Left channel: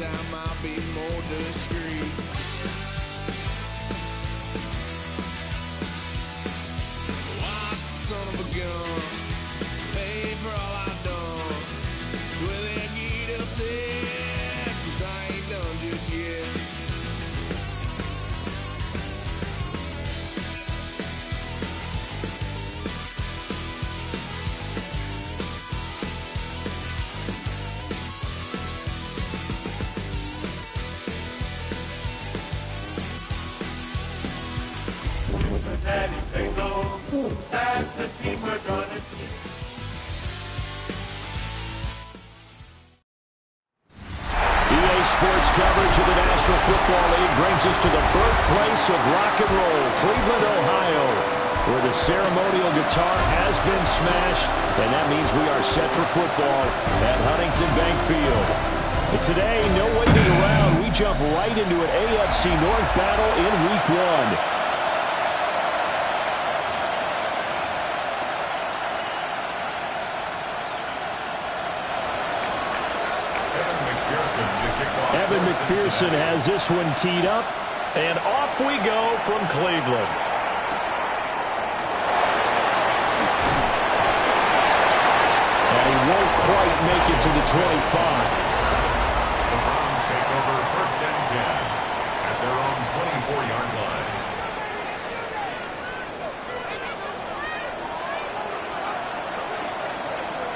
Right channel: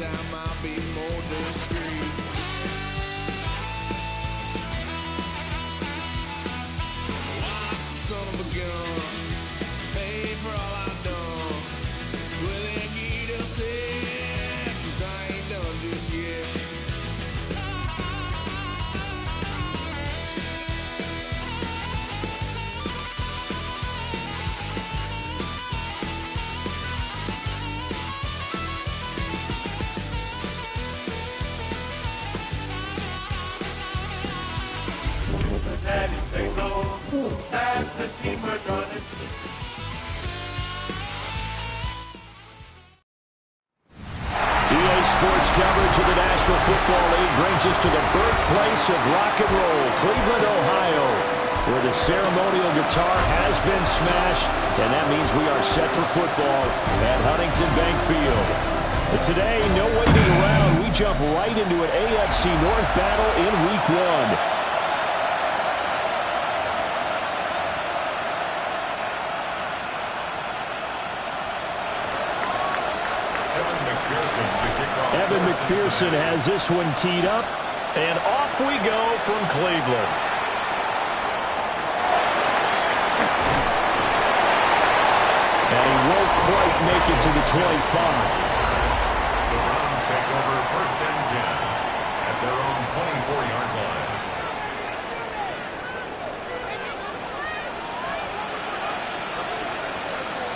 time I'll be more discreet. Lock, son of a gun, pay for all I've done. With that geet upset, 'cause I ain't done just yet. That's the team we're gonna see. EA Sports coverage of the National Football League brings us to the birthplace of rock and roll, Cleveland, Ohio, where the ceremonial guitar has been smashed, and that means we are set for football at Huntington Bank Field. But today, no waiting around. We jump right into an AFC North battle in Week 1. Evan McPherson has this one teed up, and off we go from Cleveland. And he won't quite make it to the 25. The Browns take over 1st and 10 at their own 24-yard line.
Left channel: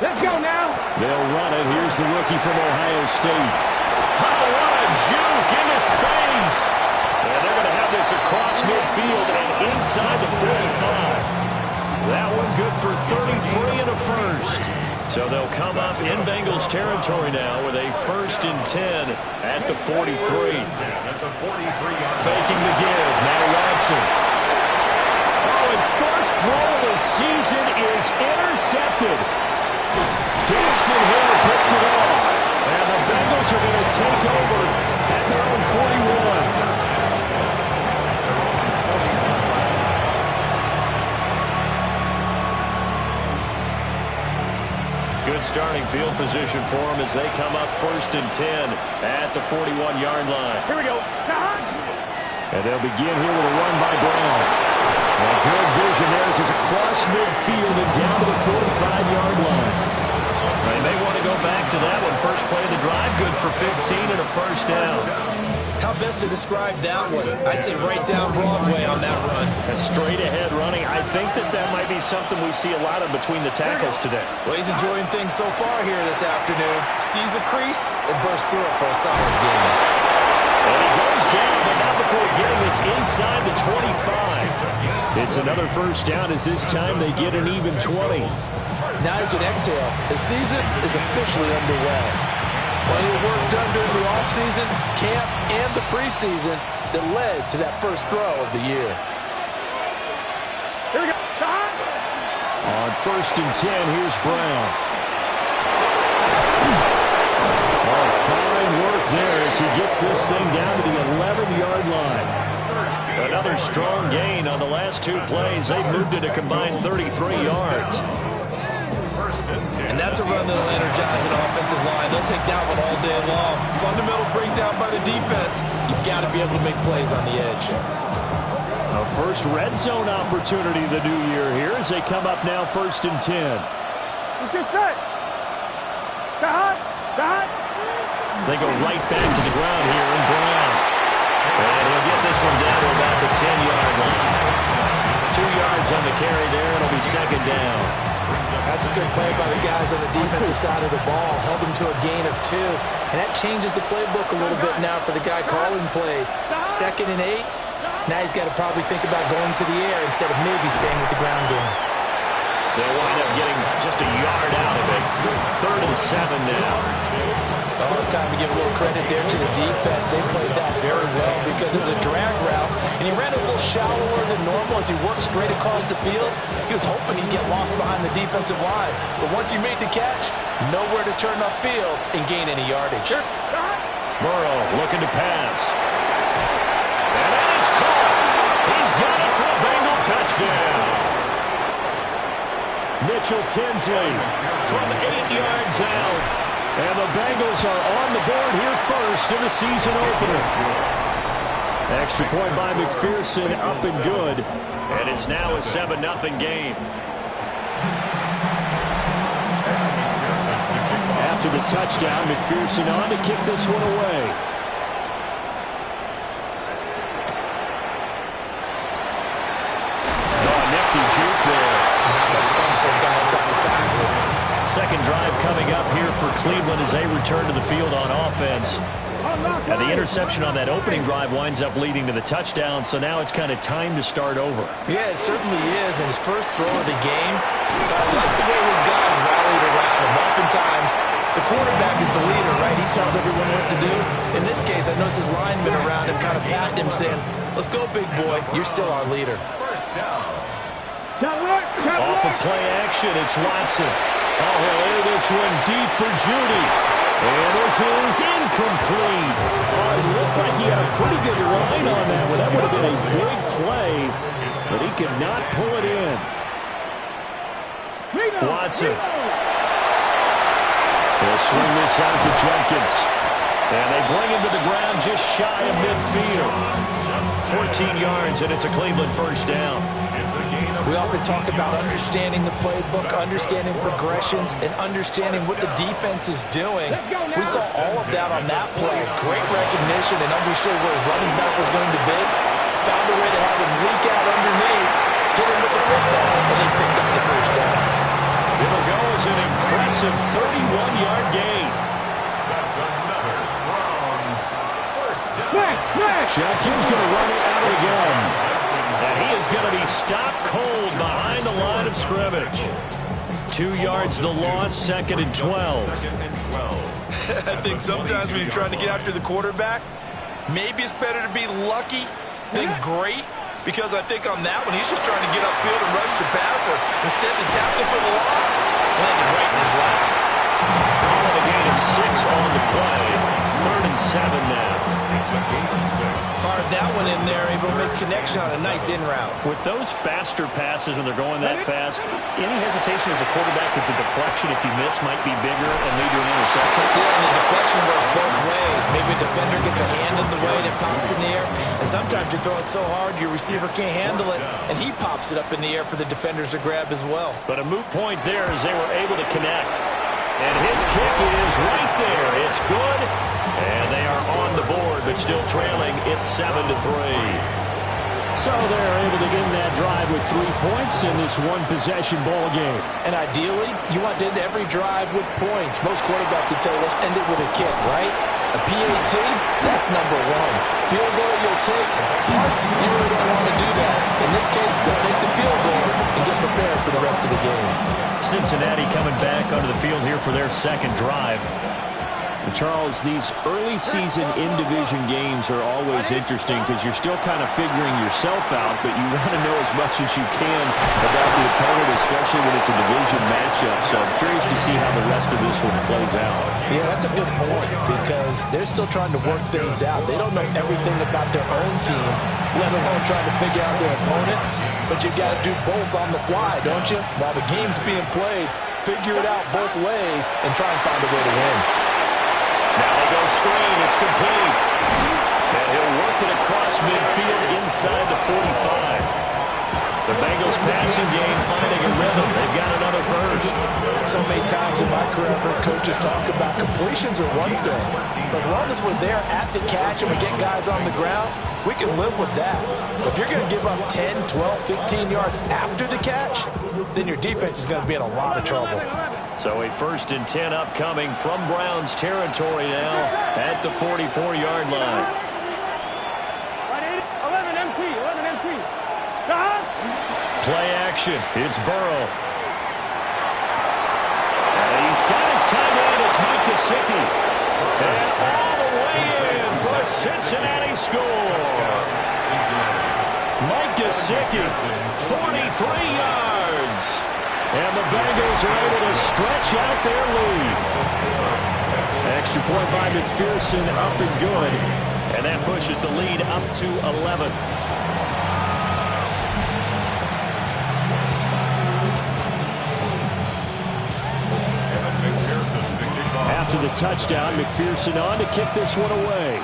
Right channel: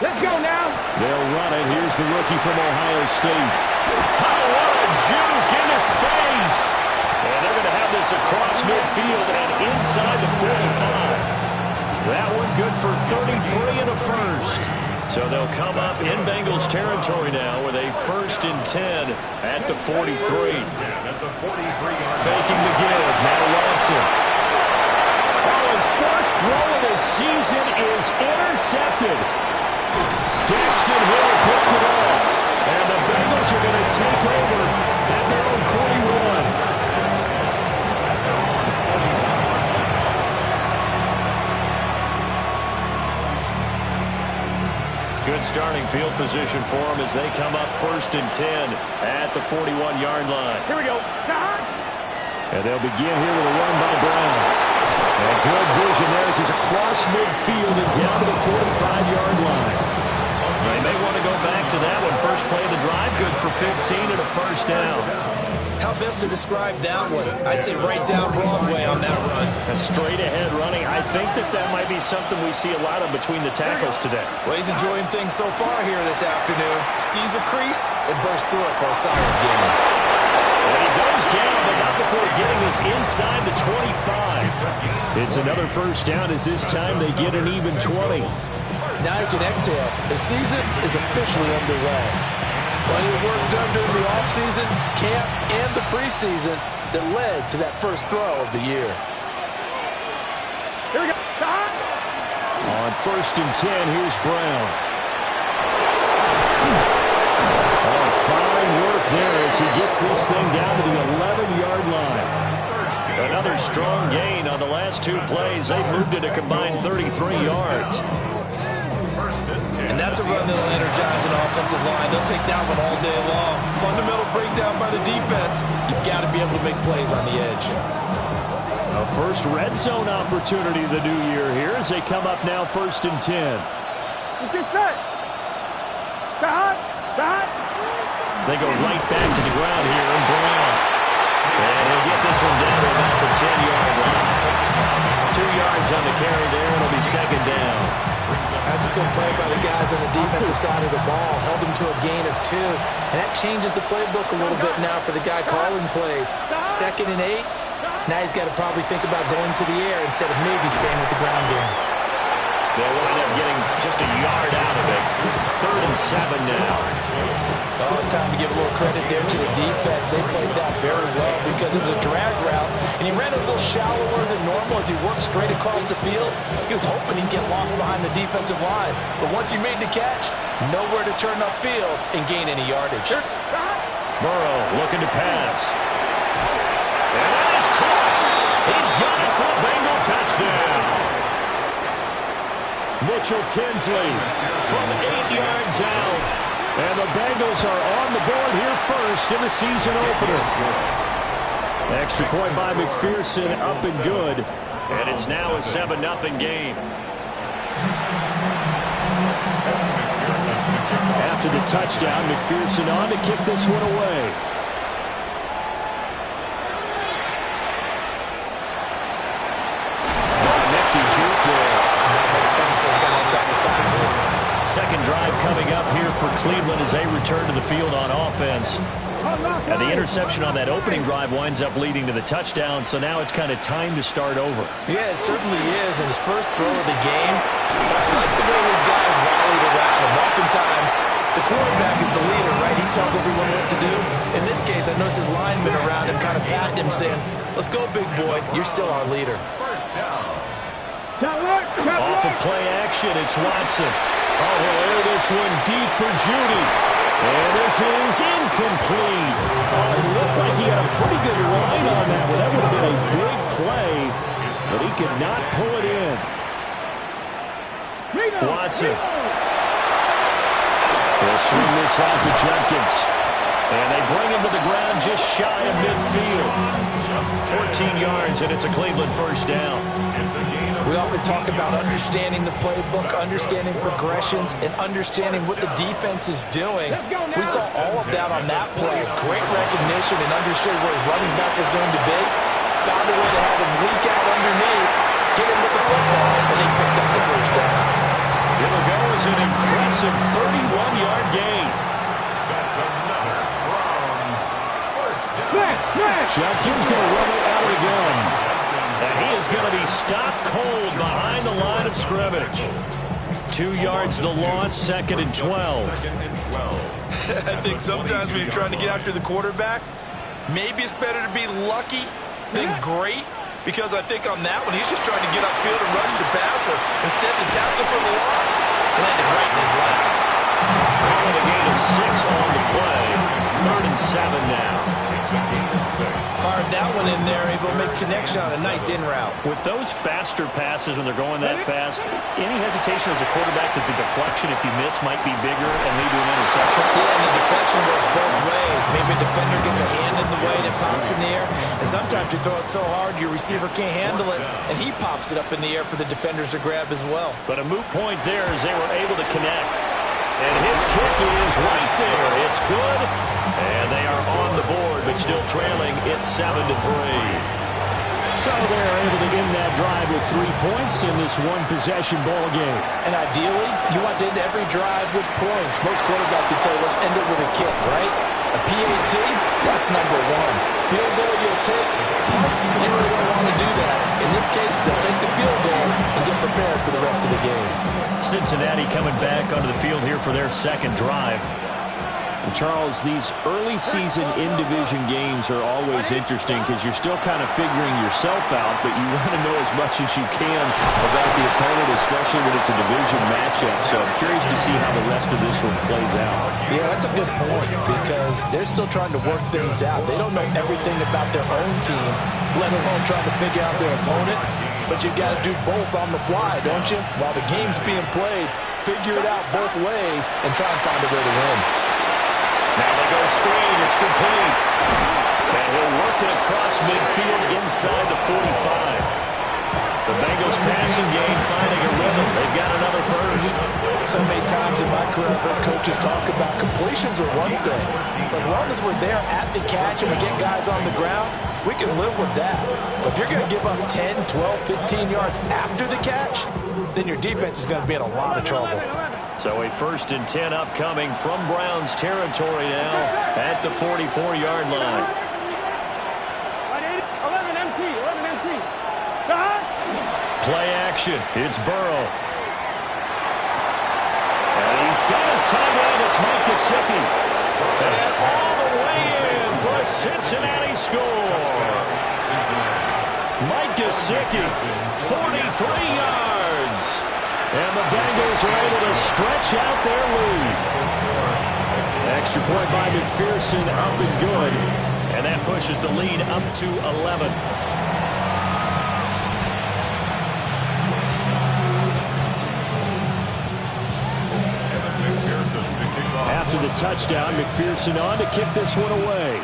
Let's go now. They'll run it. Here's the rookie from Ohio State. Oh, what a juke into space. And they're going to have this across midfield and inside the 45. That one good for 33 and a first. So they'll come up in Bengals territory now with a 1st and 10 at the 43. Faking the give. Now Watson. Oh, his first throw of the season is intercepted. Daxton Hill puts it off. And the Bengals are going to take over at their own 41. Good starting field position for them as they come up 1st and 10 at the 41-yard line. Here we go. And they'll begin here with a run by Brown. And good vision there as he's across midfield and down to the 45-yard line. They may want to go back to that one. First play of the drive, good for 15 and a first down. How best to describe that one? I'd say right down Broadway on that run. A straight-ahead running. I think that might be something we see a lot of between the tackles today. Well, he's enjoying things so far here this afternoon. Sees a crease and bursts through it for a solid gain. And he goes down, but not before getting this inside the 25. It's another first down as this time they get an even 20. Now you can exhale. The season is officially underway. Plenty of work done during the offseason, camp, and the preseason that led to that first throw of the year. Here we go. On 1st and 10, here's Brown. Oh, fine work there as he gets this thing down to the 11-yard line. Another strong gain on the last 2 plays. They've moved it a combined 33 yards. And that's a run that'll energize an offensive line. They'll take that one all day long. Fundamental breakdown by the defense. You've got to be able to make plays on the edge. A first red zone opportunity the new year here as they come up now 1st and 10. Let's get set. They go right back to the ground here, and Brown. And he'll get this one down to about the 10-yard line. 2 yards on the carry there. It'll be 2nd down. That's a good play by the guys on the defensive side of the ball. Held them to a gain of 2. And that changes the playbook a little bit now for the guy calling plays. 2nd and 8. Now he's got to probably think about going to the air instead of maybe staying with the ground game. They'll wind up getting just a yard out of it. 3rd and 7 now. Oh, it's time to give a little credit there to the defense. They played that very well because it was a drag route, and he ran a little shallower than normal as he worked straight across the field. He was hoping he'd get lost behind the defensive line. But once he made the catch, nowhere to turn upfield and gain any yardage. Burrow looking to pass. And that is caught. He's got it for a Bengal touchdown. Mitchell Tinsley from 8 yards out And the Bengals are on the board here first in the season opener. Extra point by McPherson, up and good. And it's now a 7-0 game. After the touchdown, McPherson on to kick this one away. Oh, nifty juke there. Not much fun for a guy trying to tackle it. Second drive coming up here for Cleveland as they return to the field on offense. And the interception on that opening drive winds up leading to the touchdown, so now it's kind of time to start over. Yeah, it certainly is, and his first throw of the game. But I like the way his guys rallied around him. Oftentimes, the quarterback is the leader, right? He tells everyone what to do. In this case, I noticed his linemen around him kind of patting him, saying, "Let's go, big boy. You're still our leader." First down. Off of play action, it's Watson. Oh, he'll air this one deep for Judy. And this is incomplete. Oh, it looked like he had a pretty good line on that one. That would have been a big play, but he could not pull it in. Watson. He'll swing this out to Jenkins. And they bring him to the ground just shy of midfield. 14 yards, and it's a Cleveland first down. We often talk about understanding the playbook, understanding progressions, and understanding what the defense is doing. We saw all of that on that play. Great recognition and understood where his running back was going to be. Found a way to have him leak out underneath, hit him with the football, and they picked up the first down. It'll go as an impressive 31-yard gain. That's another Browns first down. Jenkins going to run it out of the gun. And he is going to be stopped cold behind the line of scrimmage. 2 yards the loss, 2nd and 12. I think sometimes when you're trying to get after the quarterback, maybe it's better to be lucky than great. Because I think on that one, he's just trying to get upfield and rush the passer. Instead, the tackle for the loss landed right in his lap. Call it a gain of 6 on the play. 3rd and 7 now. It's a gain of 6. Fired that one in there, able to make connection on a nice in route. With those faster passes when they're going that fast, any hesitation as a quarterback that the deflection, if you miss, might be bigger and lead to an interception? Yeah, and the deflection works both ways. Maybe a defender gets a hand in the way and it pops in the air. And sometimes you throw it so hard your receiver can't handle it, and he pops it up in the air for the defenders to grab as well. But a moot point there as they were able to connect. And his kick is right there. It's good. And they are on the board, but still trailing. It's 7-3. So they're able to end that drive with 3 points in this one-possession ball game. And ideally, you want to end every drive with points. Most quarterbacks would tell you, let's end it with a kick, right? A PAT, that's number 1. Field goal you'll take. Punts, you really don't want to do that. In this case, they'll take the field goal and get prepared for the rest of the game. Cincinnati coming back onto the field here for their second drive. And Charles, these early season in-division games are always interesting because you're still kind of figuring yourself out, but you want to know as much as you can about the opponent, especially when it's a division matchup. So I'm curious to see how the rest of this one plays out. Yeah, that's a good point because they're still trying to work things out. They don't know everything about their own team, let alone trying to figure out their opponent. But you got to do both on the fly, don't you? While the game's being played, figure it out both ways and try and find a way to win. Now they go screen. It's complete. And he'll work it across midfield inside the 45. The Bengals passing game finding a rhythm. They've got another first. So many times in my career, I've heard coaches talk about completions are one thing. But as long as we're there at the catch and we get guys on the ground, we can live with that. But if you're going to give up 10, 12, 15 yards after the catch, then your defense is going to be in a lot of trouble. So a 1st and 10 upcoming from Browns territory now at the 44-yard line. 11 MT. Play action. It's Burrow. And he's got his tight end. It's Mike Gesicki. And all the way in for a Cincinnati score. Mike Gesicki, 43 yards. And the Bengals are able to stretch out their lead. Extra point by McPherson, up and good. And that pushes the lead up to 11. After the touchdown, McPherson on to kick this one away.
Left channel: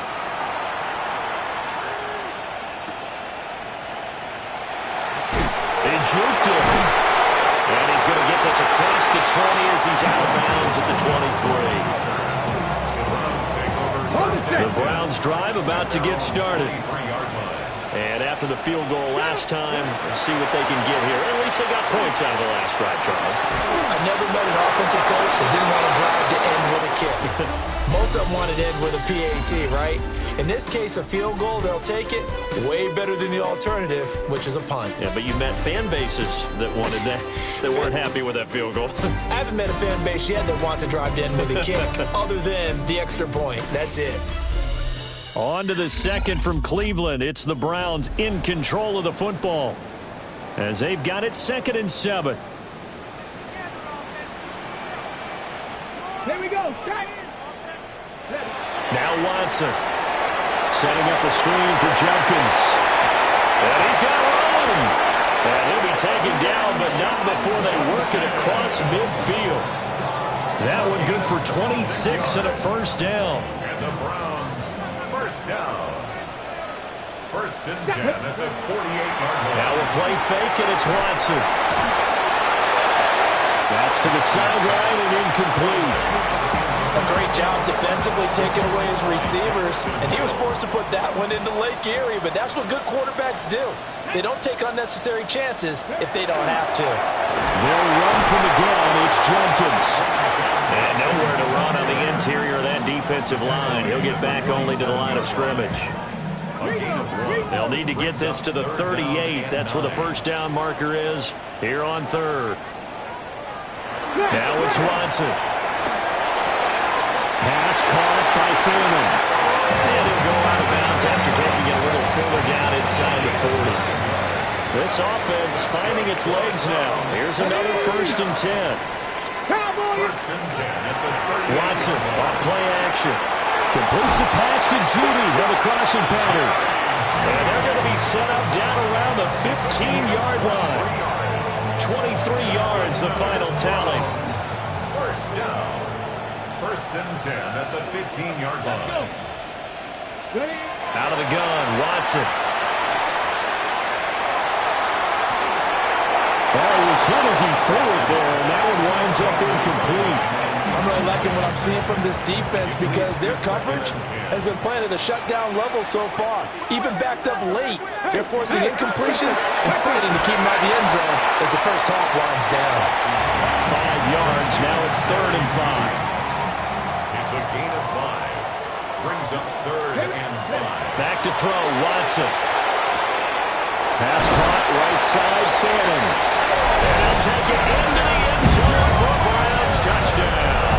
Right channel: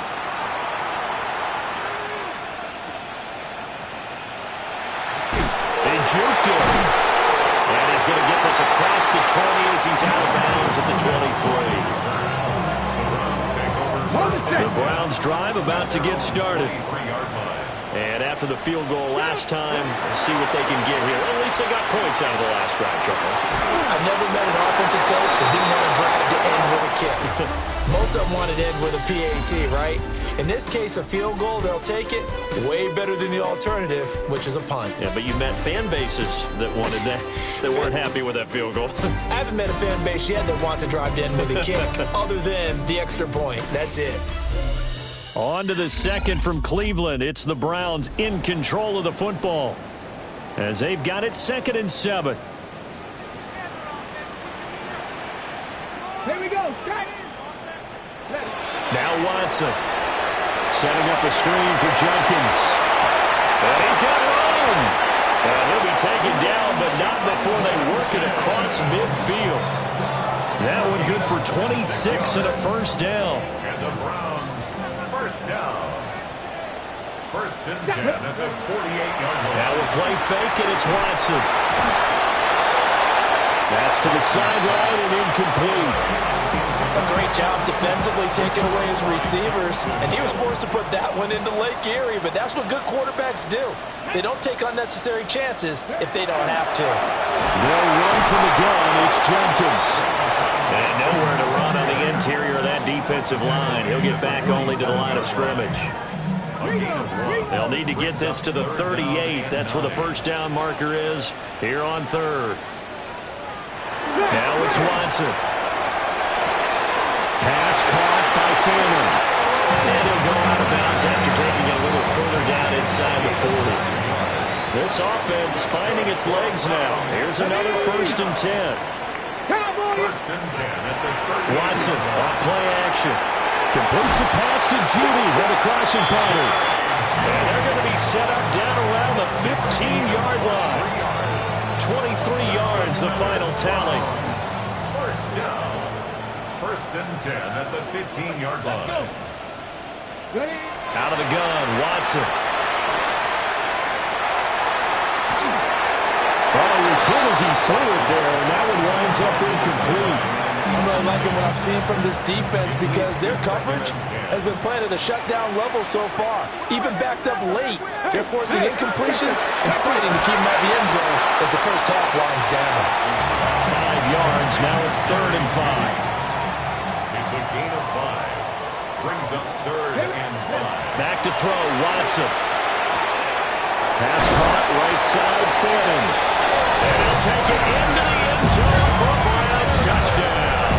They juked him. And he's going to get this across the 20 as he's out of bounds at the 23. The Browns drive about to get started. And after the field goal last time, we'll see what they can get here. At least they got points out of the last drive, Charles. I never met an offensive coach that didn't want to drive to end with a kick. Most of them wanted to end with a PAT, right? In this case, a field goal, they'll take it. Way better than the alternative, which is a punt. Yeah, but you met fan bases that wanted that, that weren't happy with that field goal. I haven't met a fan base yet that wants to drive to end with a kick, other than the extra point. That's it. On to the second from Cleveland. It's the Browns in control of the football as they've got it 2nd and 7. Here we go. Now Watson setting up a screen for Jenkins. And he's got room. And he'll be taken down, but not before they work it across midfield. That one good for 26 and a first down. And the Browns, first down. 1st and 10 at the 48-yard line. Now we'll play fake, and it's Watson. That's to the sideline and incomplete. A great job defensively taking away his receivers, and he was forced to put that one into Lake Erie, but that's what good quarterbacks do. They don't take unnecessary chances if they don't have to. They'll run from the gun. It's Jenkins. And nowhere to run on the interior of that defensive line. He'll get back only to the line of scrimmage. They'll need to get this to the 38. That's where the first down marker is here on 3rd. Now it's Watson. Pass caught by Fannin. And he'll go out of bounds after taking it a little further down inside the 40. This offense finding its legs now. Here's another 1st and 10. 1st and 10 at the 38. Watson off play action. Completes the pass to Judy on the crossing pattern. And they're going to be set up down around the 15-yard line. 23 yards, the final tally. First down. 1st and 10 at the 15-yard line. Out of the gun, Watson. Oh, he was hit as he threw it there, and that one winds up incomplete. I'm really liking what I'm seeing from this defense because their coverage has been playing at a shutdown level so far. Even backed up late, they're forcing incompletions and fighting to keep them out of the end zone as the first half winds down. 5 yards, now it's 3rd and 5. It's a gain of 5. Brings up 3rd and 5. Back to throw, Watson. Pass caught, right side, Fannin. And he'll take it into the end zone for a Browns touchdown.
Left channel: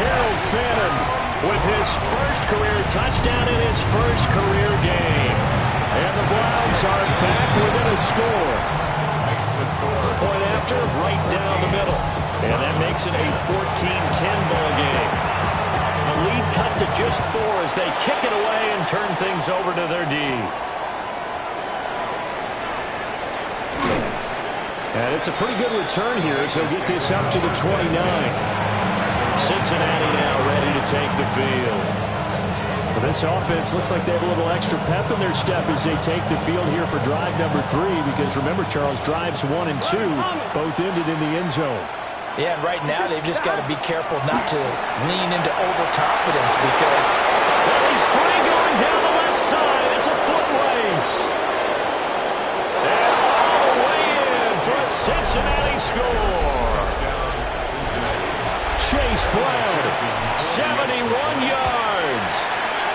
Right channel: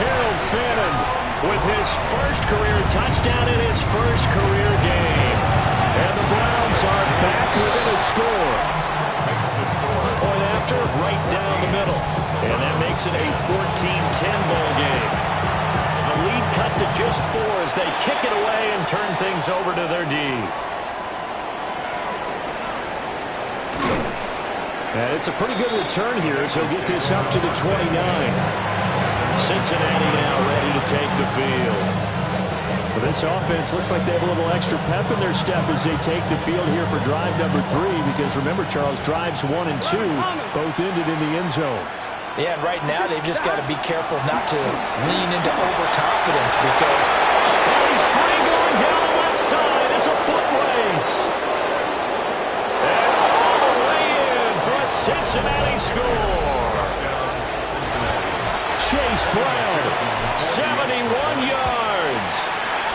Harold Fannin with his first career touchdown in his first career game. And the Browns are back within a score. Makes the score. Point after, right down the middle. And that makes it a 14-10 ball game. The lead cut to just 4 as they kick it away and turn things over to their D. And it's a pretty good return here as he'll get this up to the 29. Cincinnati now ready to take the field. Well, this offense looks like they have a little extra pep in their step as they take the field here for drive number 3 because remember, Charles, drives 1 and 2 both ended in the end zone. Yeah, and right now they've just got to be careful not to lean into overconfidence because he's free going down the left side. It's a foot race. And all the way in for a Cincinnati score. Touchdown, Cincinnati. Chase Brown, 71 yards.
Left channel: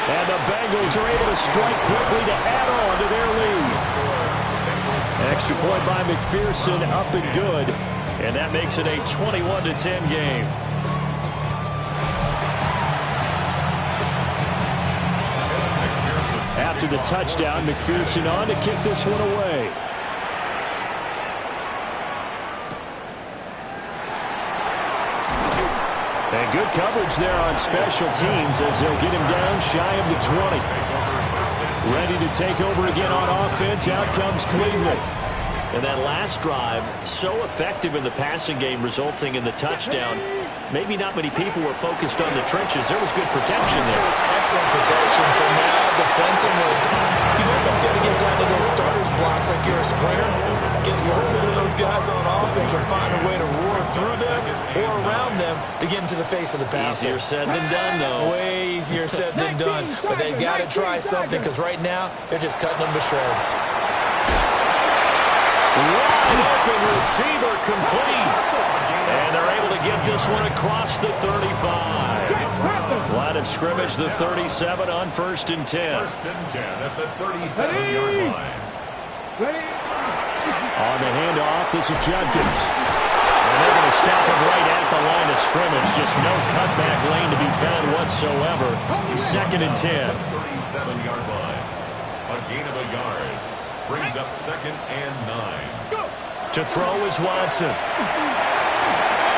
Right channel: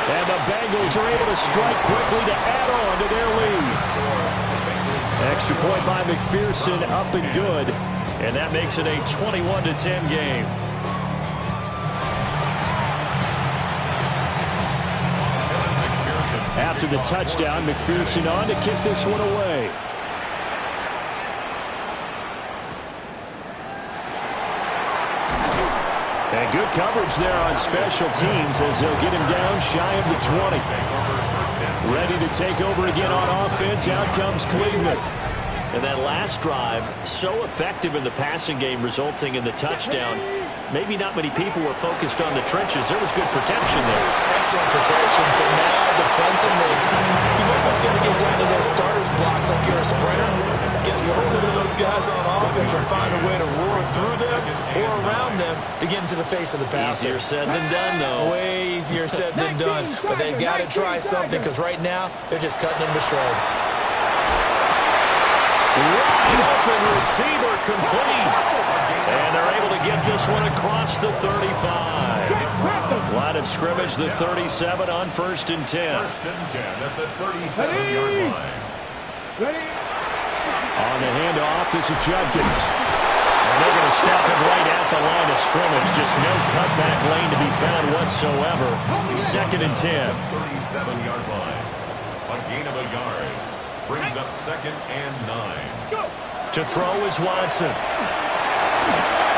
And the Bengals are able to strike quickly to add on to their lead. Extra point by McPherson, up and good. And that makes it a 21-10 game. After the touchdown, McPherson on to kick this one away. And good coverage there on special teams as they'll get him down shy of the 20. Ready to take over again on offense. Out comes Cleveland. And that last drive, so effective in the passing game, resulting in the touchdown. maybe not many people were focused on the trenches. There was good protection there. Excellent protection. So now defensively, you've almost got to get down to those starters blocks like you're a sprinter. Get lower than those guys on offense and find a way to roar through them or around them to get into the face of the passer. Easier said than done, though. Way easier said than done. But they've got to try something because right now they're just cutting them to shreds. Wide open receiver complete. And they're able to get this one across the 35. Line of scrimmage, the 37 on 1st and 10. 1st and 10 at the 37-yard line. Ready? On the handoff, this is Judkins. And they're going to stop him right at the line of scrimmage. Just no cutback lane to be found whatsoever. 2nd and 10. 37-yard line. A gain of a yard. Brings up 2nd and 9. To throw is Watson.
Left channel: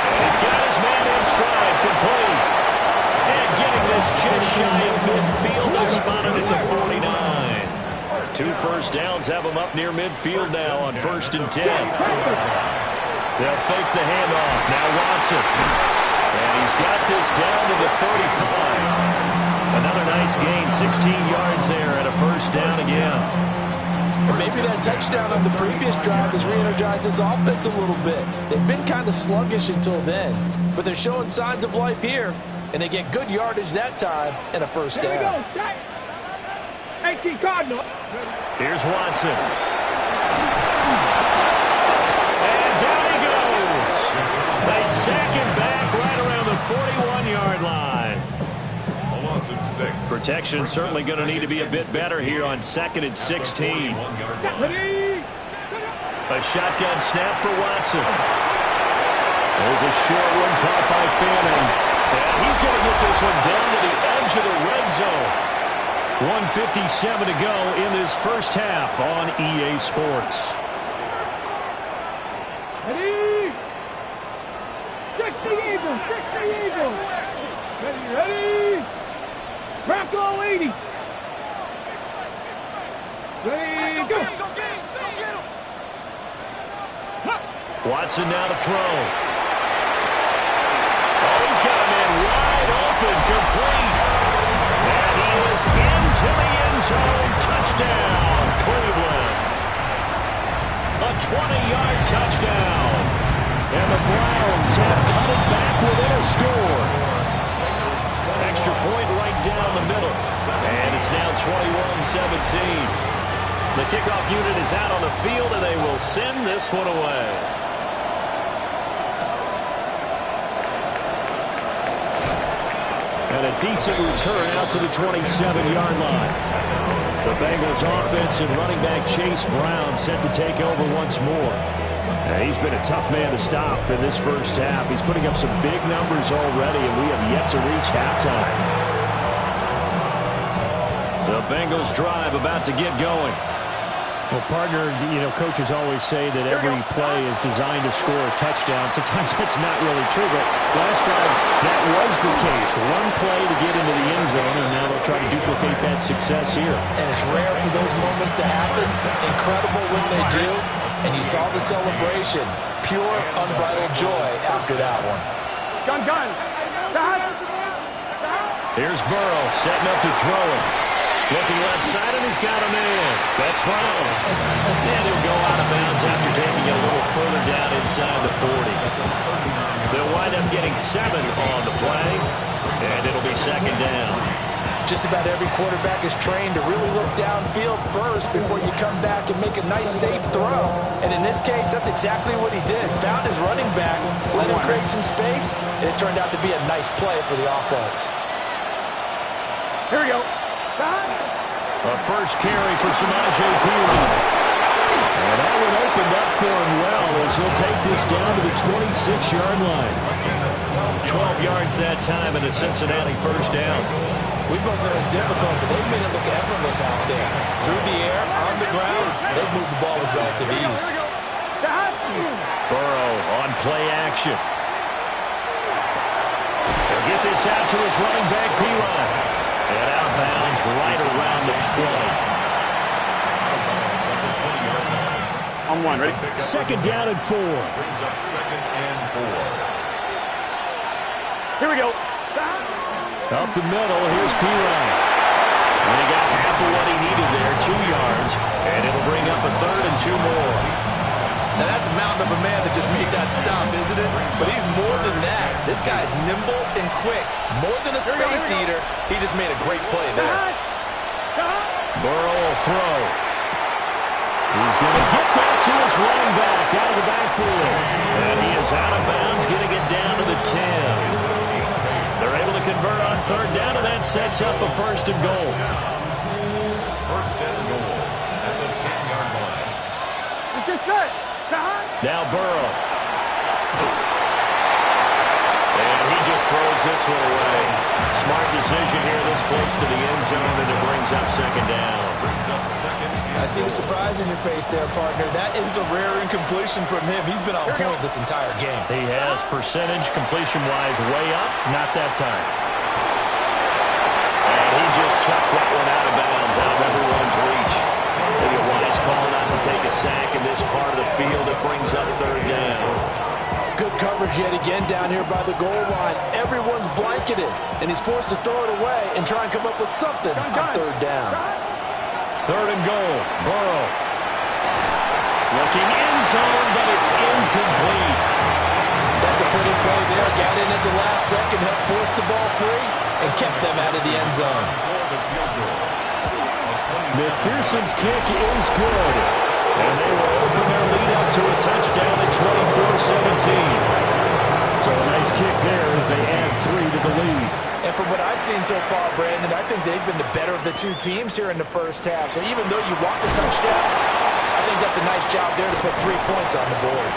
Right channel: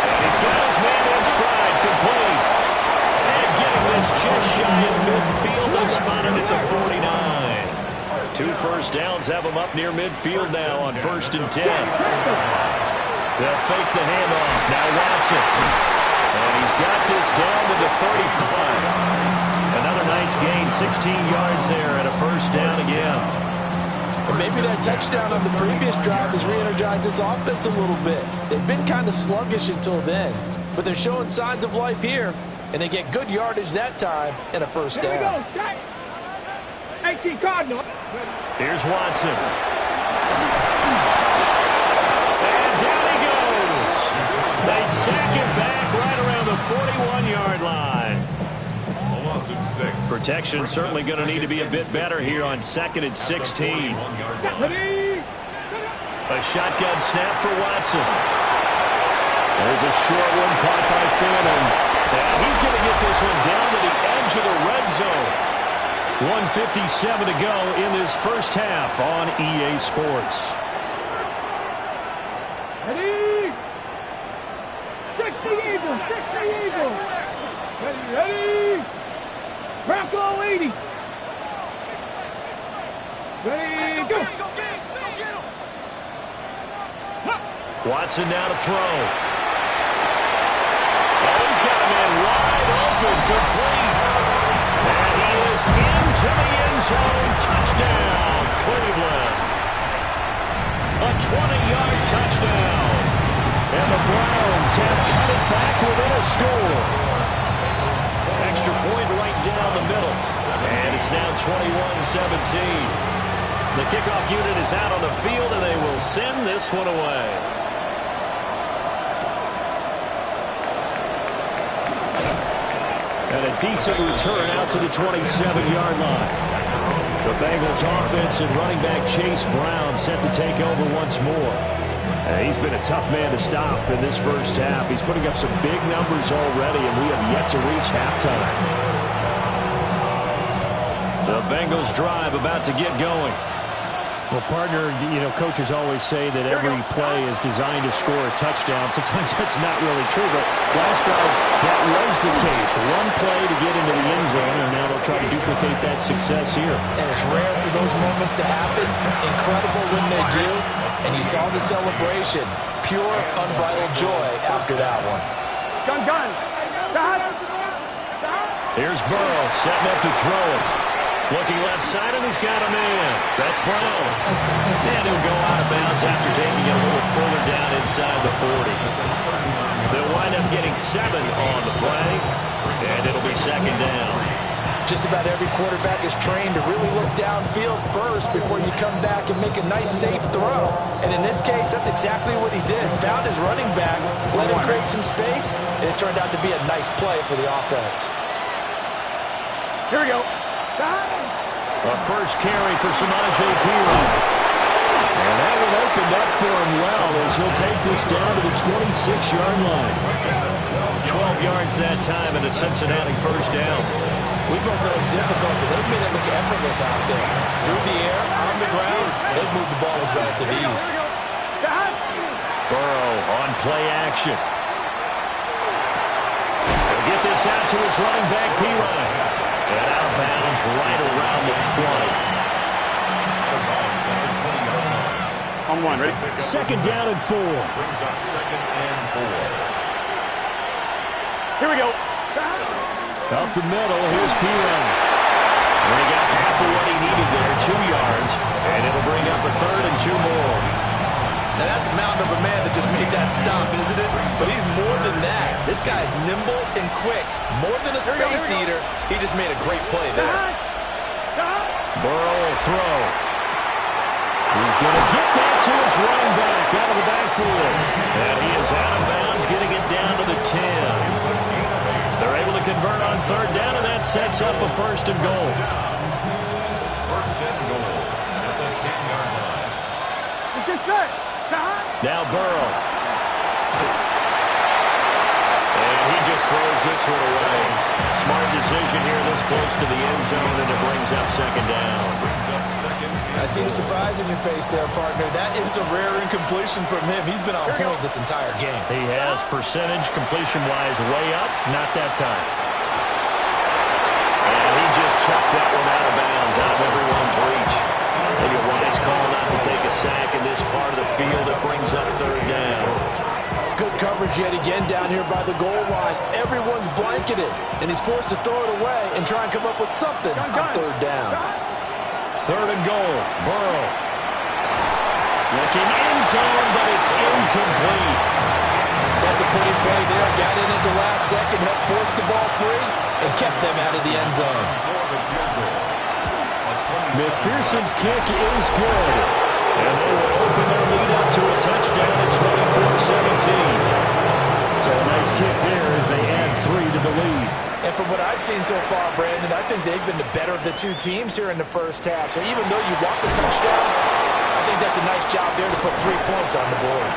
And he's got his man in stride, complete. And getting this just shy of midfield, they spotted at the 49. 2 first downs have him up near midfield now on 1st and 10. They'll fake the handoff. Now Watson. And he's got this down to the 35. Another nice gain, 16 yards there and a 1st down again. And maybe that touchdown on the previous drive has re-energized this offense a little bit. They've been kind of sluggish until then, but they're showing signs of life here, and they get good yardage that time and a 1st down. Here we go. 18 Cardinal. Here's Watson. And down he goes. They sack him back right around the 41-yard line. A loss of 6. Protection certainly going to need to be a bit better here on 2nd and 16. Ready? A shotgun snap for Watson. There's a short one caught by Fannin. And he's going to get this one down to the edge of the red zone. 1:57 to go in this first half on EA Sports. Ready? 60 Eagles. 60 Eagles. Ready? Bronco 80. Ready? Go. Watson now to throw. Oh, he's got a man wide open, complete. And he is into the end zone. Touchdown, Cleveland. A 20-yard touchdown. And the Browns have cut it back within a score. Extra point right down the middle. And it's now 21-17. The kickoff unit is out on the field, and they will send this one away. And a decent return out to the 27-yard line. The Bengals offense and running back Chase Brown set to take over once more. He's been a tough man to stop in this first half. He's putting up some big numbers already, and we have yet to reach halftime. The Bengals drive about to get going. Well, partner, coaches always say that every play is designed to score a touchdown. Sometimes that's not really true, but last drive, that was the case. One play to get into the end zone, and now they'll try to duplicate that success here. And it's rare for those moments to happen. Incredible when they do. And you saw the celebration. Pure, unbridled joy after that one. Gun. Here's Burrow setting up to throw it. Looking left side, and he's got a man. That's Brown. And he'll go out of bounds after taking it a little further down inside the 40. They'll wind up getting 7 on the play, and it'll be 2nd down. Just about every quarterback is trained to really look downfield first before you come back and make a nice, safe throw. And in this case, that's exactly what he did. Found his running back, let him create some space, and it turned out to be a nice play for the offense. Here we go. A first carry for Samaje Perine. And that one opened up for him well as he'll take this down to the 26-yard line. 12 yards that time and a Cincinnati first down. We both know it's difficult, but they've made it look effortless out there. Through the air, on the ground, they've moved the ball with relative ease. Burrow on play action. He'll get this out to his running back, Perine. And out of bounds right around the 20. On one, ready? 2nd down and 4. Brings up 2nd and 4. Here we go. Up the middle, here's Pirine. And he got half of what he needed there, 2 yards. And it'll bring up a 3rd and 2 more. Now, that's a mountain of a man that just made that stop, isn't it? But he's more than that. This guy's nimble and quick. More than a space eater. He just made a great play there. Burrow will throw. He's going to get that to his running back out of the backfield. And he is out of bounds, getting it down to the 10. They're able to convert on 3rd down, and that sets up a 1st and goal. 1st and goal at the 10-yard line. It's just set. Now Burrow. And he just throws this one away. Smart decision here this close to the end zone, and it brings up 2nd down. I see the surprise in your face there, partner. That is a rare incompletion from him. He's been on point this entire game. He has percentage completion-wise way up. Not that time. And he just chucked that one out of bounds, out of everyone's reach. Maybe a wise call not to take a sack in this part of the field. It brings up 3rd down. Good coverage yet again down here by the goal line. Everyone's blanketed, and he's forced to throw it away and try and come up with something on 3rd down. 3rd and goal. Burrow. Looking end zone, but it's incomplete. That's a pretty play there. Got in at the last second, helped force the ball free, and kept them out of the end zone. McPherson's kick is good. And they will open their lead up to a touchdown at 24-17. So a nice kick there as they add 3 to the lead. And from what I've seen so far, Brandon, I think they've been the better of the 2 teams here in the first half. So even though you want the touchdown, I think that's a nice job there to put 3 points on the board.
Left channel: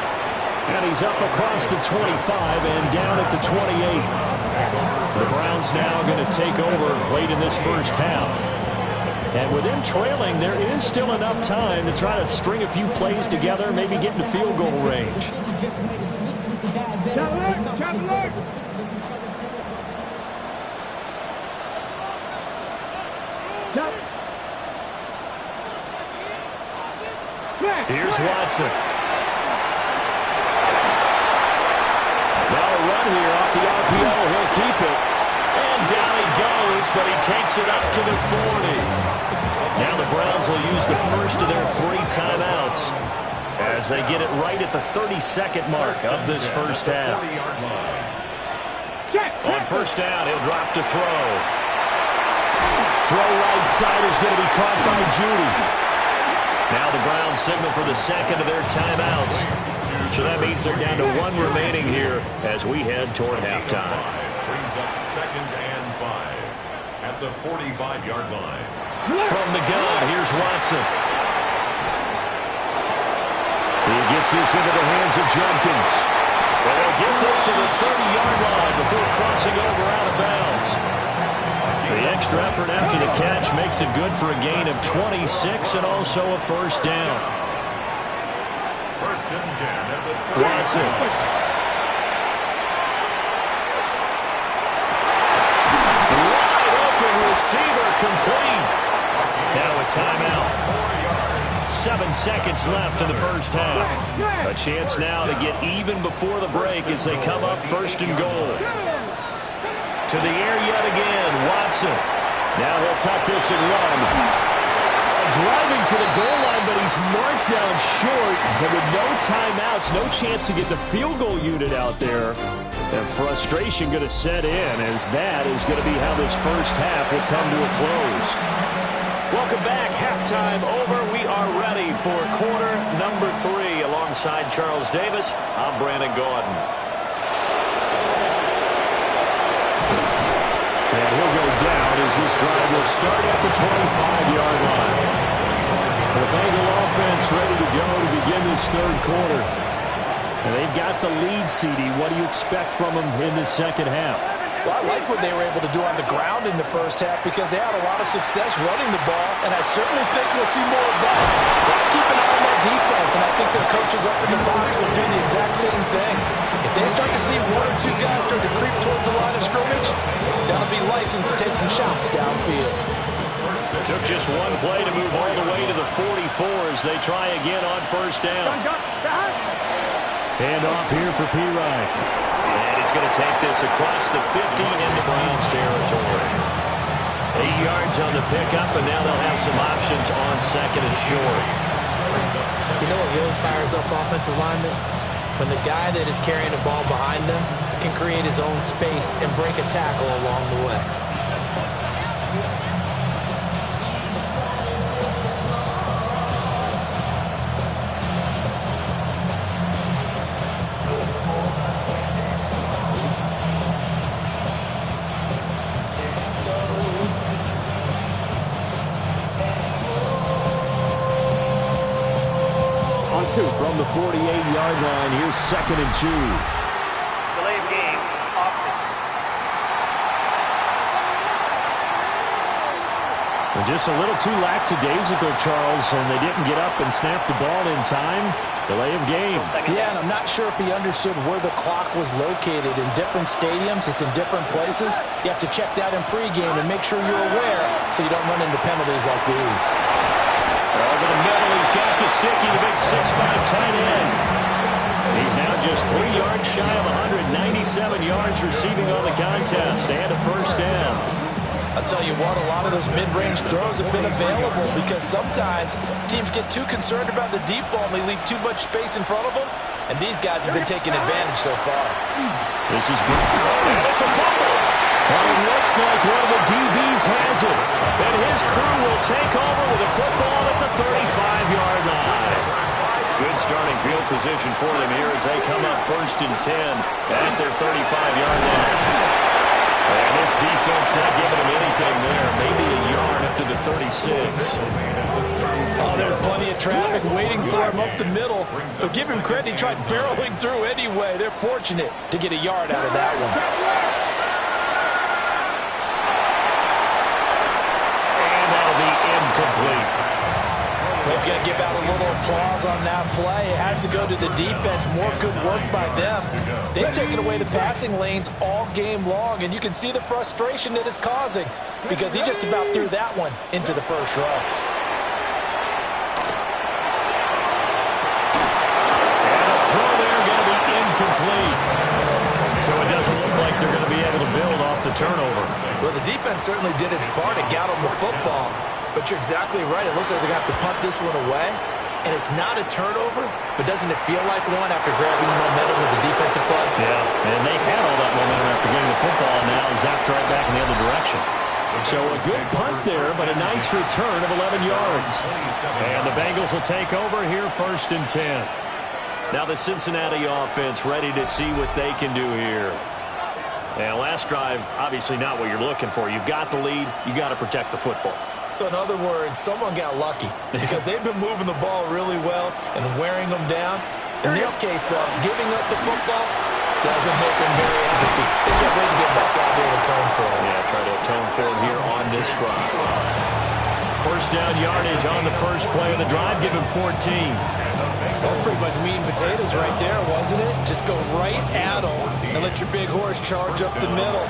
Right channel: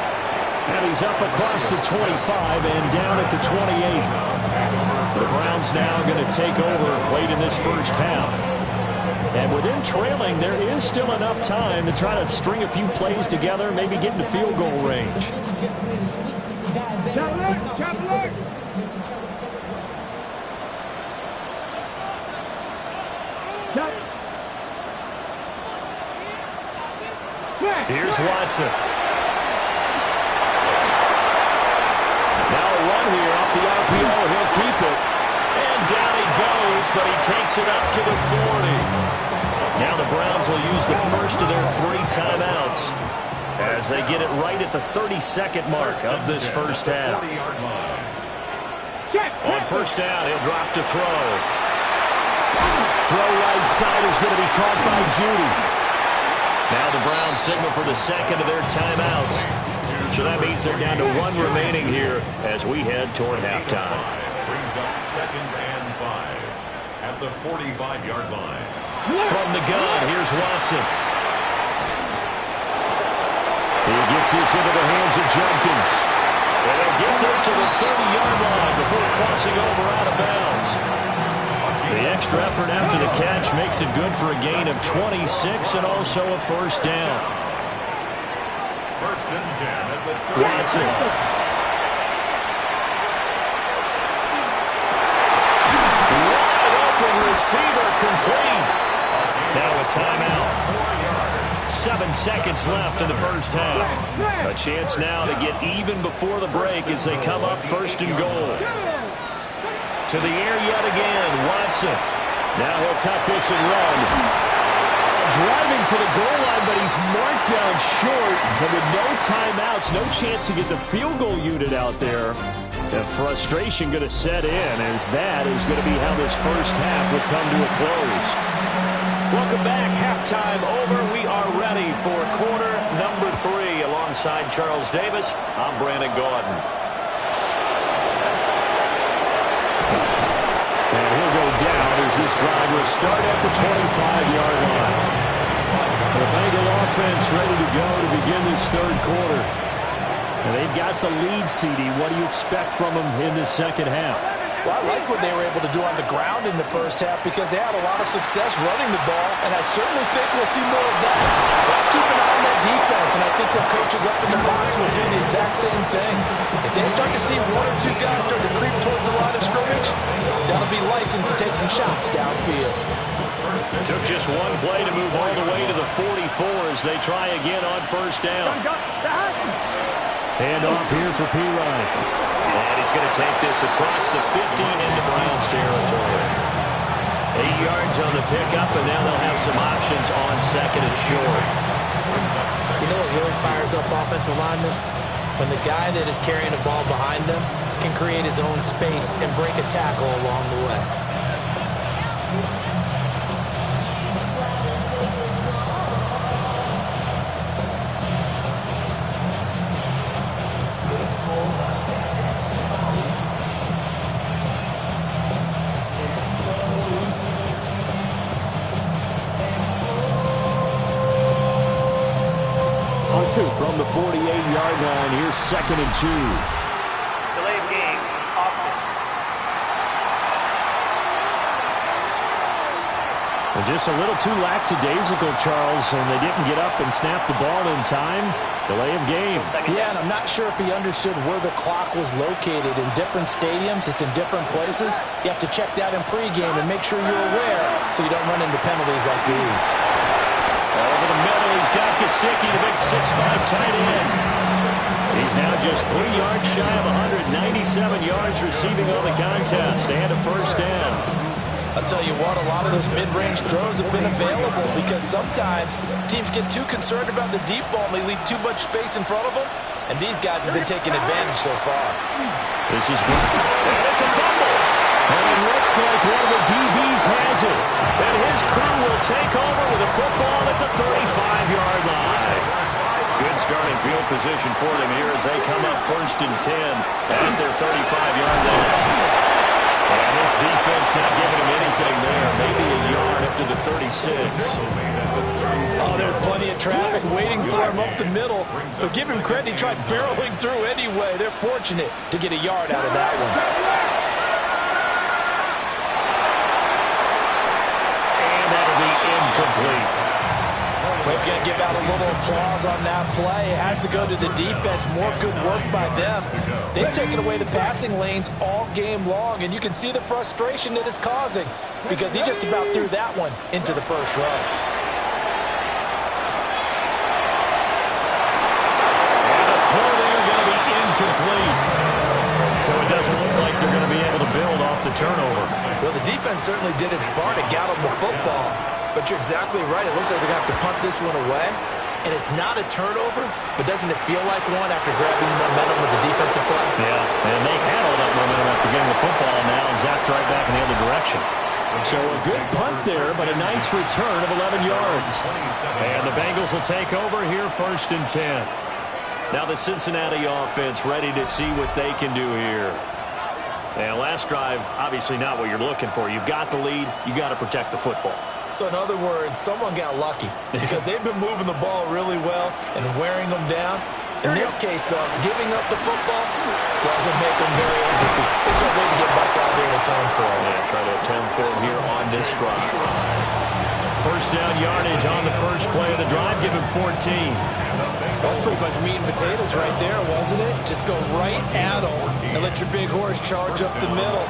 And he's up across the 25 and down at the 28. The Browns now going to take over late in this first half. And with them trailing, there is still enough time to try to string a few plays together, maybe get into field goal range. Here's Watson. Now a run here off the RPO. He'll keep it. And down he goes, but he takes it up to the 40. Now the Browns will use the first of their 3 timeouts as they get it right at the 32nd mark of this first half. On 1st down, he'll drop to throw. Throw right side is going to be caught by Judy. Now the Browns signal for the 2nd of their timeouts. So that means they're down to 1 remaining here as we head toward halftime. Brings up 2nd and 5 at the 45-yard line. From the gun, here's Watson. He gets this into the hands of Judkins. And they'll get this to the 30-yard line before crossing over out of bounds. The extra effort after the catch makes it good for a gain of 26 and also a 1st down. 1st and 10 at the 30. Watson. Receiver complete. Now a timeout. 7 seconds left in the first half. A chance now to get even before the break as they come up 1st and goal. To the air yet again, Watson. Now he'll tuck this and run. Driving for the goal line, but he's marked down short. And with no timeouts, no chance to get the field goal unit out there. The frustration going to set in as that is going to be how this first half will come to a close. Welcome back. Halftime over. We are ready for quarter number 3. Alongside Charles Davis, I'm Brandon Gaudin. And he'll go down as this drive will start at the 25-yard line. The Bengal offense ready to go to begin this 3rd quarter. And they've got the lead, CD. What do you expect from them in this 2nd half? Well, I like what they were able to do on the ground in the first half because they had a lot of success running the ball, and I certainly think we'll see more of that. But keep an eye on that defense, and I think their coaches up in the box will do the exact same thing. If they start to see 1 or 2 guys start to creep towards the line of scrimmage, that'll be licensed to take some shots downfield. Took just 1 play to move all the way to the 44 as they try again on 1st down. Hand off here for Pirine. And he's going to take this across the 50 into Browns territory. 8 yards on the pickup, and now they'll have some options on second and short. You know what really fires up offensive linemen? When the guy that is carrying the ball behind them can create his own space and break a tackle along the way. From the 48-yard line, here's second and 2. Delay of game, offense. Well, just a little too lackadaisical, Charles, and they didn't get up and snap the ball in time. Delay of game. Yeah, and I'm not sure if he understood where the clock was located. In different stadiums, it's in different places. You have to check that in pregame and make sure you're aware so you don't run into penalties like these. Over the middle, he's got Gesicki, the big 6'5" tight end. He's now just 3 yards shy of 197 yards receiving on the contest and a first down. I'll tell you what, a lot of those mid-range throws have been available because sometimes teams get too concerned about the deep ball and they leave too much space in front of them, and these guys have been taking advantage so far. This is and it's a fumble. And it looks like one of the DBs has it. And his crew will take over with a football at the 35-yard line. Good starting field position for them here as they come up first and 10 at their 35-yard line. And this defense not giving them anything there. Maybe a yard up to the 36. Oh, there's plenty of traffic waiting for him up the middle. But give him credit, he tried barreling through anyway. They're fortunate to get a yard out of that one. That'll be incomplete. We're going to give out a little applause on that play. It has to go to the defense. More good work by them. They've taken away the passing lanes all game long, and you can see the frustration that it's causing because he just about threw that one into the first row. And a throw there going to be incomplete. So it doesn't look like they're going to be able to build off the turnover. Well, the defense certainly did its part to get them the football. But you're exactly right. It looks like they're going to have to punt this one away. And it's not a turnover, but doesn't it feel like one after grabbing momentum with the defensive play? Yeah, and they had all that momentum after getting the football, and now zapped right back in the other direction. So a good punt there, but a nice return of 11 yards. And the Bengals will take over here first and 10. Now the Cincinnati offense ready to see what they can do here. And last drive, obviously not what you're looking for. You've got the lead. You got to protect the football. So in other words, someone got lucky because they've been moving the ball really well and wearing them down. In this case, though, giving up the football doesn't make them very happy. They can't wait to get back out there and atone for it. Yeah, try to atone for it here on this drive. First down yardage on the first play of the drive. Give him 14. That's pretty much meat and potatoes right there, wasn't it? Just go right at them and let your big horse charge up the middle.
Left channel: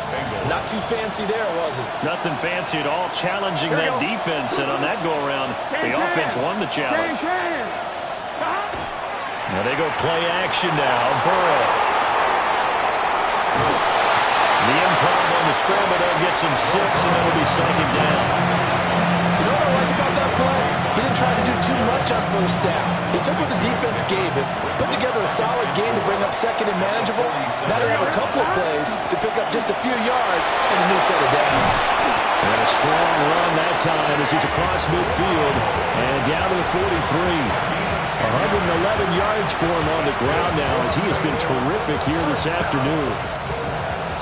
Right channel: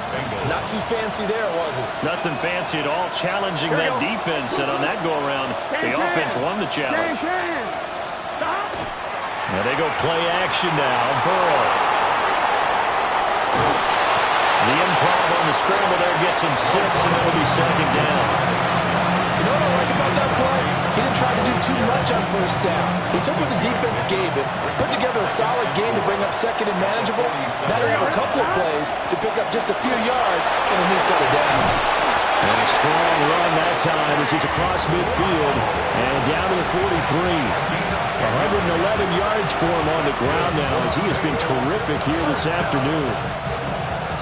Not too fancy there, was it? Nothing fancy at all. Challenging that defense, and on that go-around, the offense won the challenge. Now they go play action now. Burrow. The improv on the scramble there gets him 6, and it'll be second down. You know what I like about that play? He didn't try to do too much on first down. He took what the defense gave him, put together a solid game to bring up second and manageable. Now they have a couple of plays to pick up just a few yards and a new set of downs. And a strong run that time as he's across midfield and down to the 43. 111 yards for him on the ground now as he has been terrific here this afternoon.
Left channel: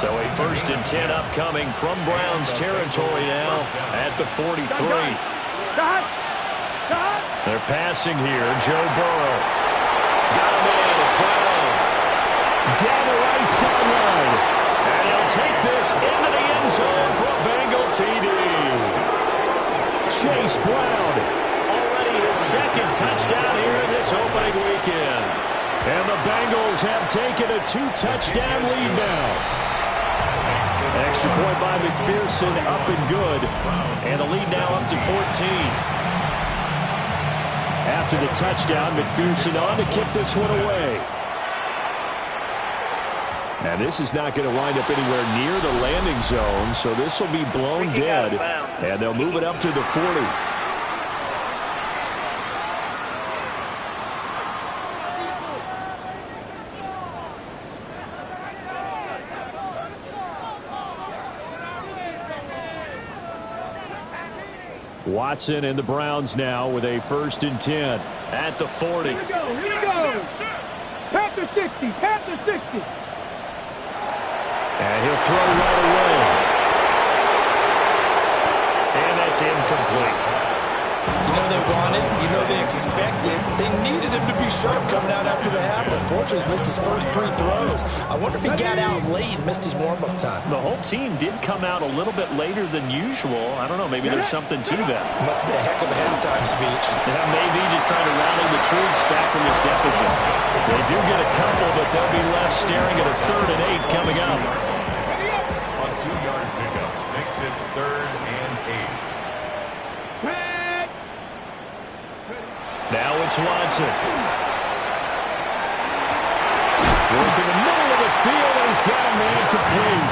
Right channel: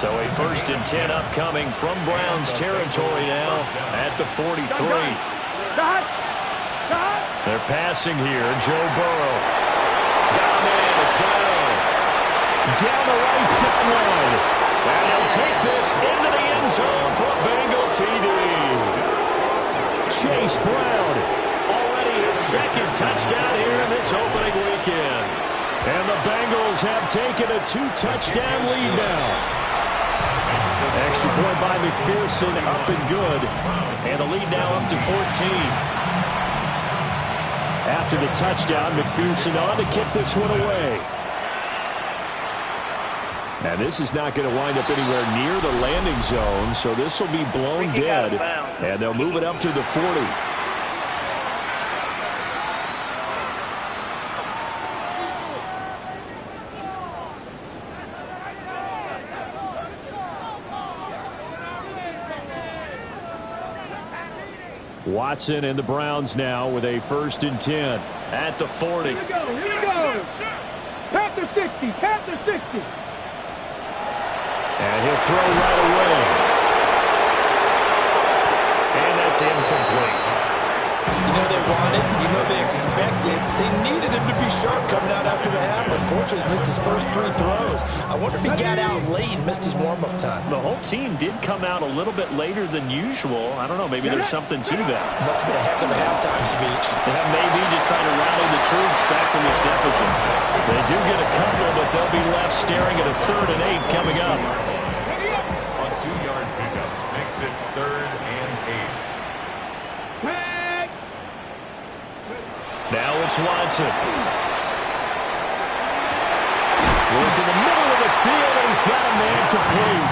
So a first and 10 upcoming from Browns territory now at the 43. They're passing here. Joe Burrow. Got him in. It's Brown. Down the right sideline. And he'll take this into the end zone for a Bengal TD. Chase Brown. Already his second touchdown here in this opening weekend. And the Bengals have taken a 2-touchdown lead now. Extra point by McPherson, up and good. And the lead now up to 14. After the touchdown, McPherson on to kick this one away. And this is not going to wind up anywhere near the landing zone, so this will be blown dead. And they'll move it up to the 40. Watson and the Browns now with a 1st and 10 at the 40. Here we go, here we go. Panther 60, Panther 60. And he'll throw right away. And that's incomplete. You know they wanted, you know they expected, they needed him to be sharp coming out after the half. Unfortunately, he's missed his first 3 throws. I wonder if he got out late and missed his warm-up time. The whole team did come out a little bit later than usual. I don't know, maybe there's something to that. Must have been a heck of a halftime speech. Yeah, maybe just trying to rally the troops back from this deficit. They do get a couple, but they'll be left staring at a 3rd and 8 coming up. On 2-yard pickups, makes it 3rd and 8. Now it's Watson. Working the middle of the field, and he's got a man complete.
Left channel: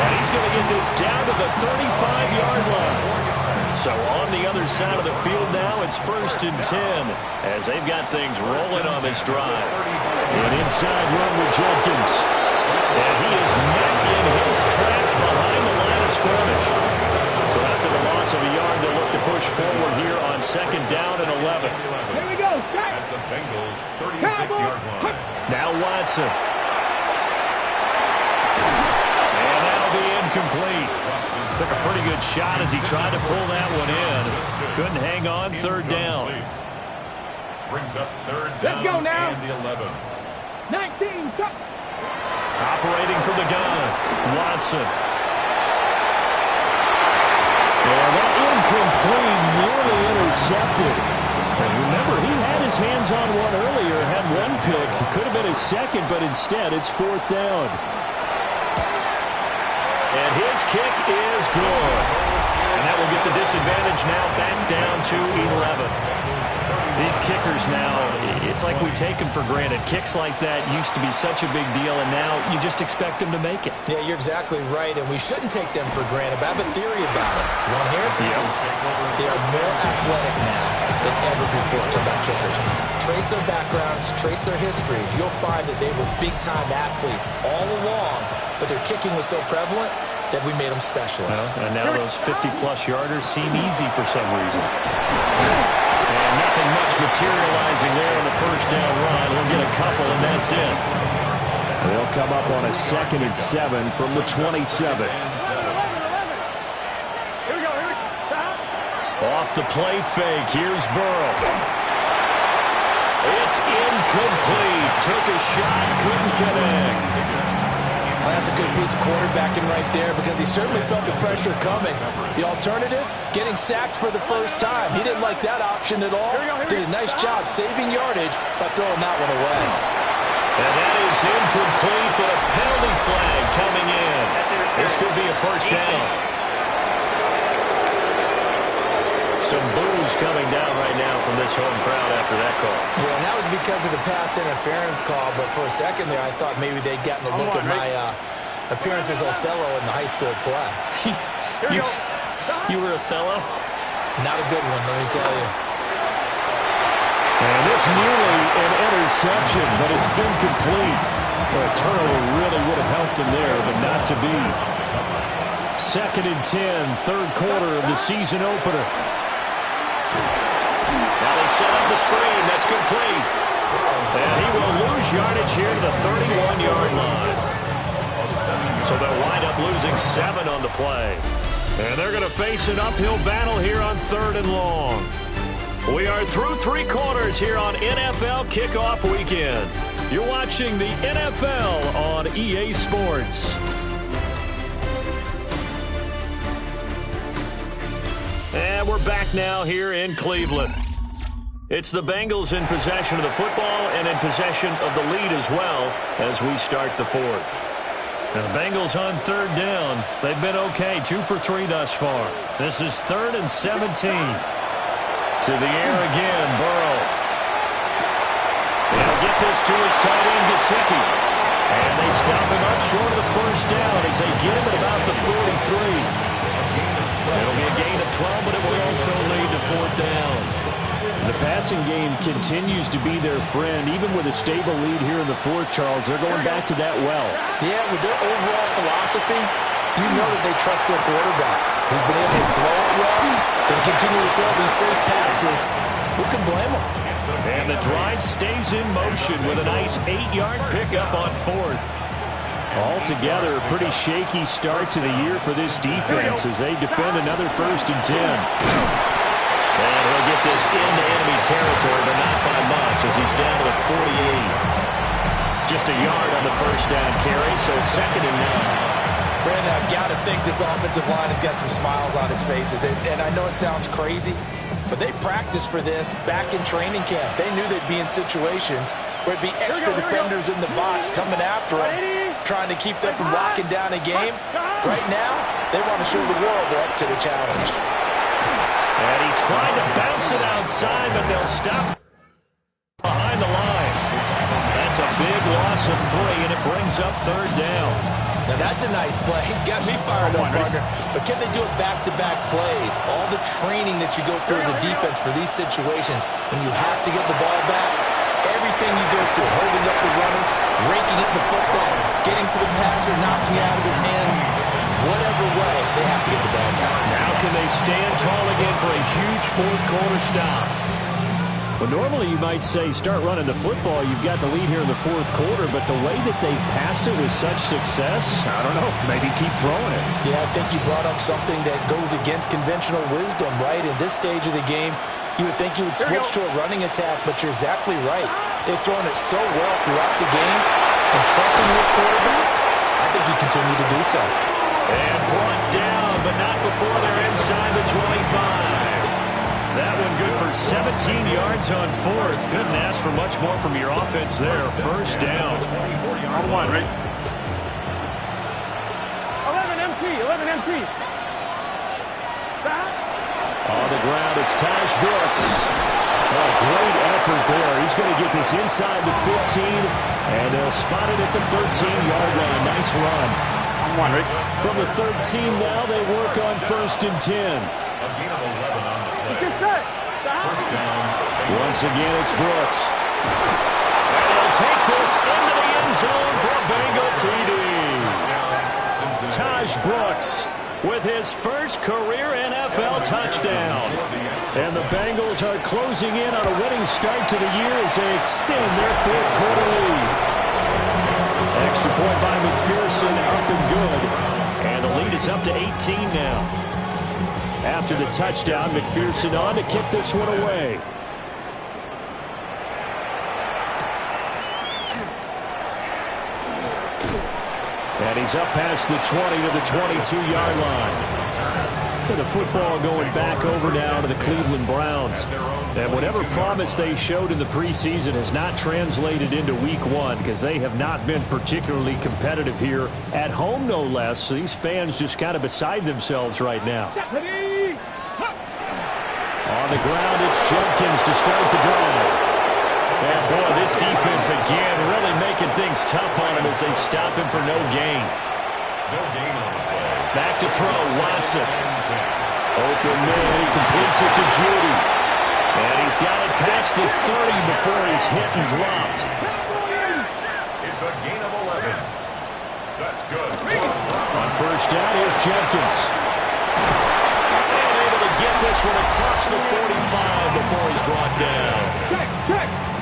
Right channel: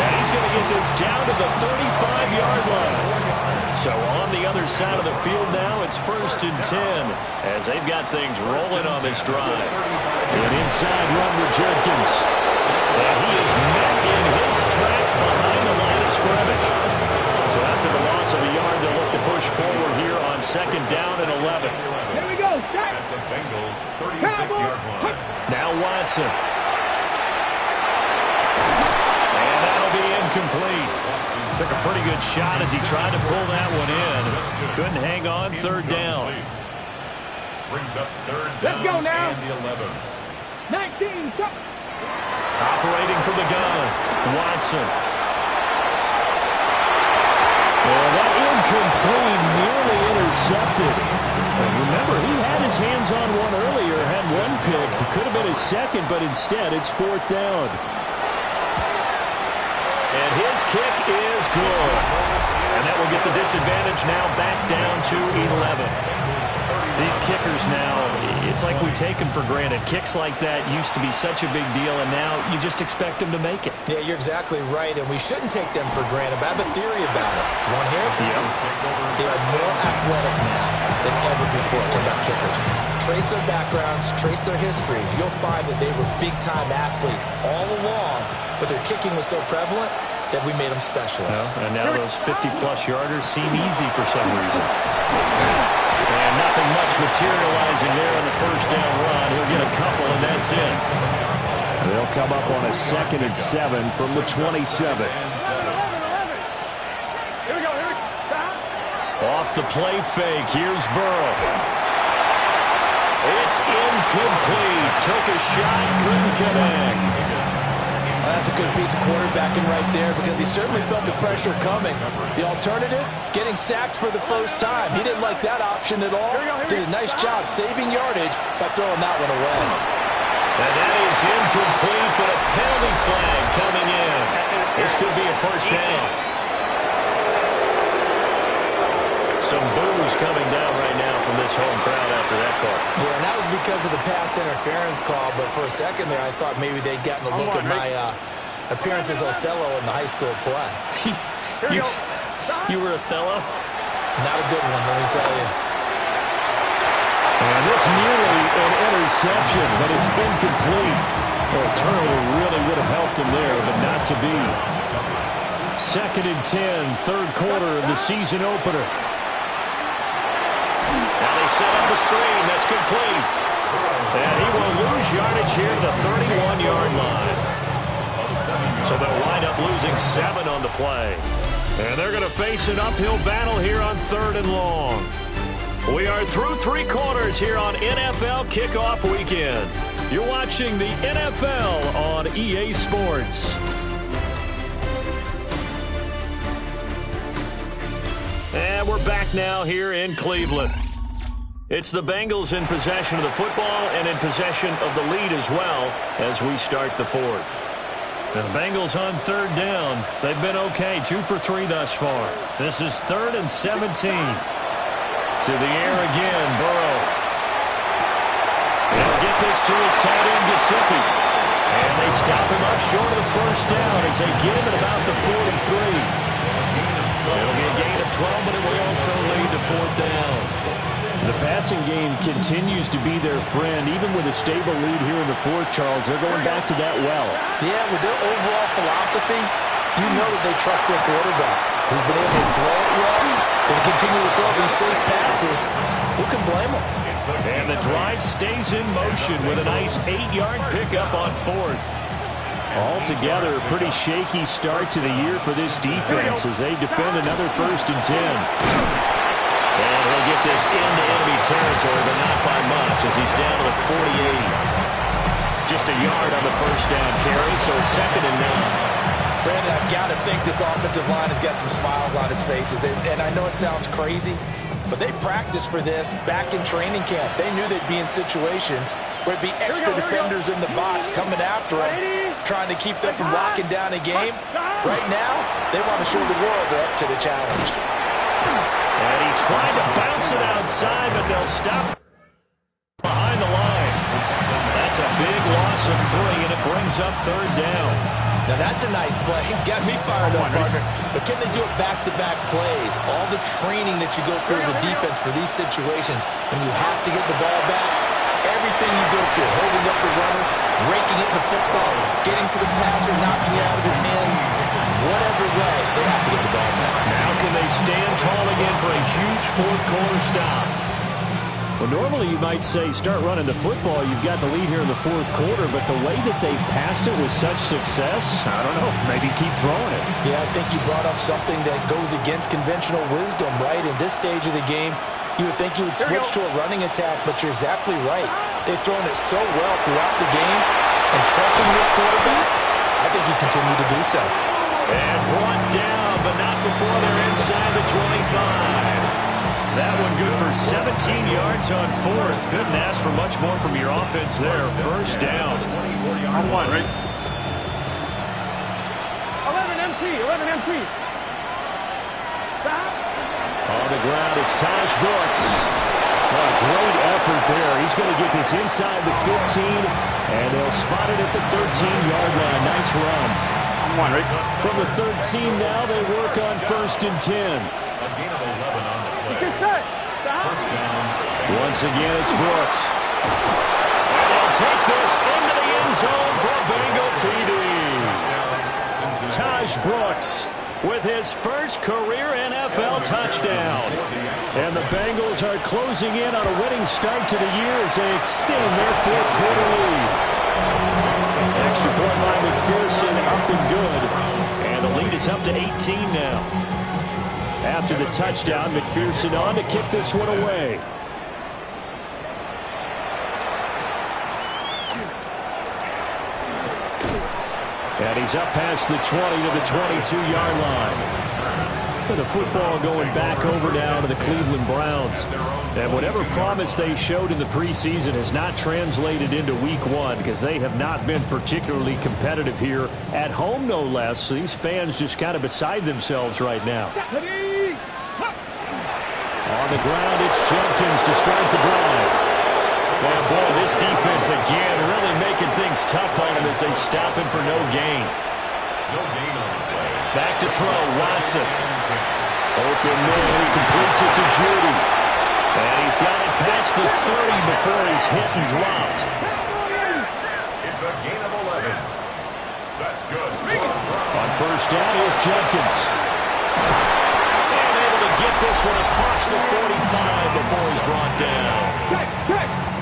And he's going to get this down to the 35-yard line. So on the other side of the field now, it's 1st and 10 as they've got things rolling on this drive. An inside run with Jenkins. And he is met in his tracks behind the line of scrimmage. So after the loss of a yard, they'll look to push forward here on 2nd down and 11. Here we go. At the Bengals' 36-yard line. Now Watson. And that'll be incomplete. Took a pretty good shot as he tried to pull that one in. Couldn't hang on 3rd down. Brings up 3rd down. Let's go now. And the 11. 19. Operating from the gun. Watson. And that incomplete, nearly intercepted. And remember, he had his hands on one earlier, had one pick. It could have been his 2nd, but instead it's 4th down. And his kick is good. And that will get the disadvantage now back down to 11. These kickers now, it's like we take them for granted. Kicks like that used to be such a big deal, and now you just expect them to make it. Yeah, you're exactly right, and we shouldn't take them for granted, but I have a theory about it. You want to hear it? Yep. They are more athletic now than ever before. Talking about kickers. Trace their backgrounds, trace their histories. You'll find that they were big-time athletes all along, but their kicking was so prevalent that we made them specialists. Well, and now those 50-plus yarders seem easy for some reason. And nothing much materializing there on the 1st down run. He'll get a couple, and that's it. They'll come up on a 2nd and 7 from the 27. Here we go. Stop. Off the play fake. Here's Burrow. It's incomplete. Took a shot, couldn't connect. Well, that's a good piece of quarterbacking right there because he certainly felt the pressure coming. The alternative, getting sacked for the first time. He didn't like that option at all. Did a nice job saving yardage by throwing that one away. And that is incomplete, but a penalty flag coming in. This could be a 1st down. Some boos coming down right now from this home crowd after that call. Yeah, and that was because of the pass interference call, but for a second there I thought maybe they'd gotten a look at my appearance as Othello in the high school play. You were Othello? Not a good one, let me tell you. And it's nearly an interception, but it's incomplete. Well, a turnover really would have helped him there, but not to be. 2nd and 10, 3rd quarter of the season opener. Now they set up the screen. That's complete. And he will lose yardage here to the 31-yard line. So they'll wind up losing 7 on the play. And they're going to face an uphill battle here on 3rd and long. We are through 3 quarters here on NFL Kickoff Weekend. You're watching the NFL on EA Sports. And we're back now here in Cleveland. It's the Bengals in possession of the football and in possession of the lead as well as we start the 4th. Now the Bengals on 3rd down. They've been okay, 2 for 3 thus far. This is 3rd and 17. To the air again, Burrow. He'll get this to his tight end, Gesicki. And they stop him up short of the first down as they get him at about the 43. It'll be a gain of 12, but it will also lead to fourth down. The passing game continues to be their friend. Even with a stable lead here in the fourth, Charles, they're going back to that well. Yeah, with their overall philosophy, you know that they trust their quarterback. He's been able to throw it well. They continue to throw these safe passes. Who can blame them? And the drive stays in motion with a nice 8-yard pickup on fourth. Altogether, a pretty shaky start to the year for this defense as they defend another 1st and 10. And he'll get this into enemy territory, but not by much as he's down to the 48. Just a yard on the first down carry, so it's 2nd and 9. Brandon, I've got to think this offensive line has got some smiles on its faces. And I know it sounds crazy, but they practiced for this back in training camp. They knew they'd be in situations where it'd be extra defenders in the box coming after them, trying to keep them from locking down a game. Right now, they want to show the world they're up to the challenge. And he tried to bounce it outside, but they'll stop behind the line. That's a big loss of 3, and it brings up 3rd down. Now, that's a nice play. Got me fired up, partner. But can they do it back-to-back plays? All the training that you go through as a defense for these situations, when you have to get the ball back, everything you go through, holding up the runner, raking it in the football, getting to the passer, knocking it out of his hands, whatever way, they have to get the ball back. Now can they stand tall again for a huge fourth-quarter stop? Well, normally you might say start running the football. You've got the lead here in the fourth quarter, but the way that they've passed it with such success, I don't know, maybe keep throwing it. Yeah, I think you brought up something that goes against conventional wisdom, right? In this stage of the game, you would think you would switch to a running attack, but you're exactly right. They've thrown it so well throughout the game, and trusting this quarterback, I think he continued to do so. And brought down, but not before they're inside the 25. That one good for 17 yards on fourth. Couldn't ask for much more from your offense there. First down. On 1, right? 11 MT. On the ground, it's Taj Brooks. A great effort there. He's going to get this inside the 15, and they'll spot it at the 13-yard line. Nice run. On 1, right? From the 13 now, they work on 1st and 10. A gain of 11 on the play. First down. Once again, it's Brooks. And he'll take this into the end zone for a Bengal TD. Taj Brooks with his first career NFL touchdown. And the Bengals are closing in on a winning start to the year as they extend their fourth-quarter lead. Extra point by McPherson, up and good. And the lead is up to 18 now. After the touchdown, McPherson on to kick this one away. And he's up past the 20 to the 22-yard line. And the football going back over now to the Cleveland Browns. And whatever promise they showed in the preseason has not translated into week 1 because they have not been particularly competitive here at home, no less. So these fans just kind of beside themselves right now. On the ground, it's Jenkins to start the drive. Yeah, boy, this defense again really making things tough on him as they stop him for no gain. No gain on the play. Back to throw, Watson. Open man, he completes it to Judy. And he's got it past the 30 before he's hit and dropped. It's a gain of 11. That's good. On first down, here's Jenkins. And able to get this one across the 45 before he's brought down.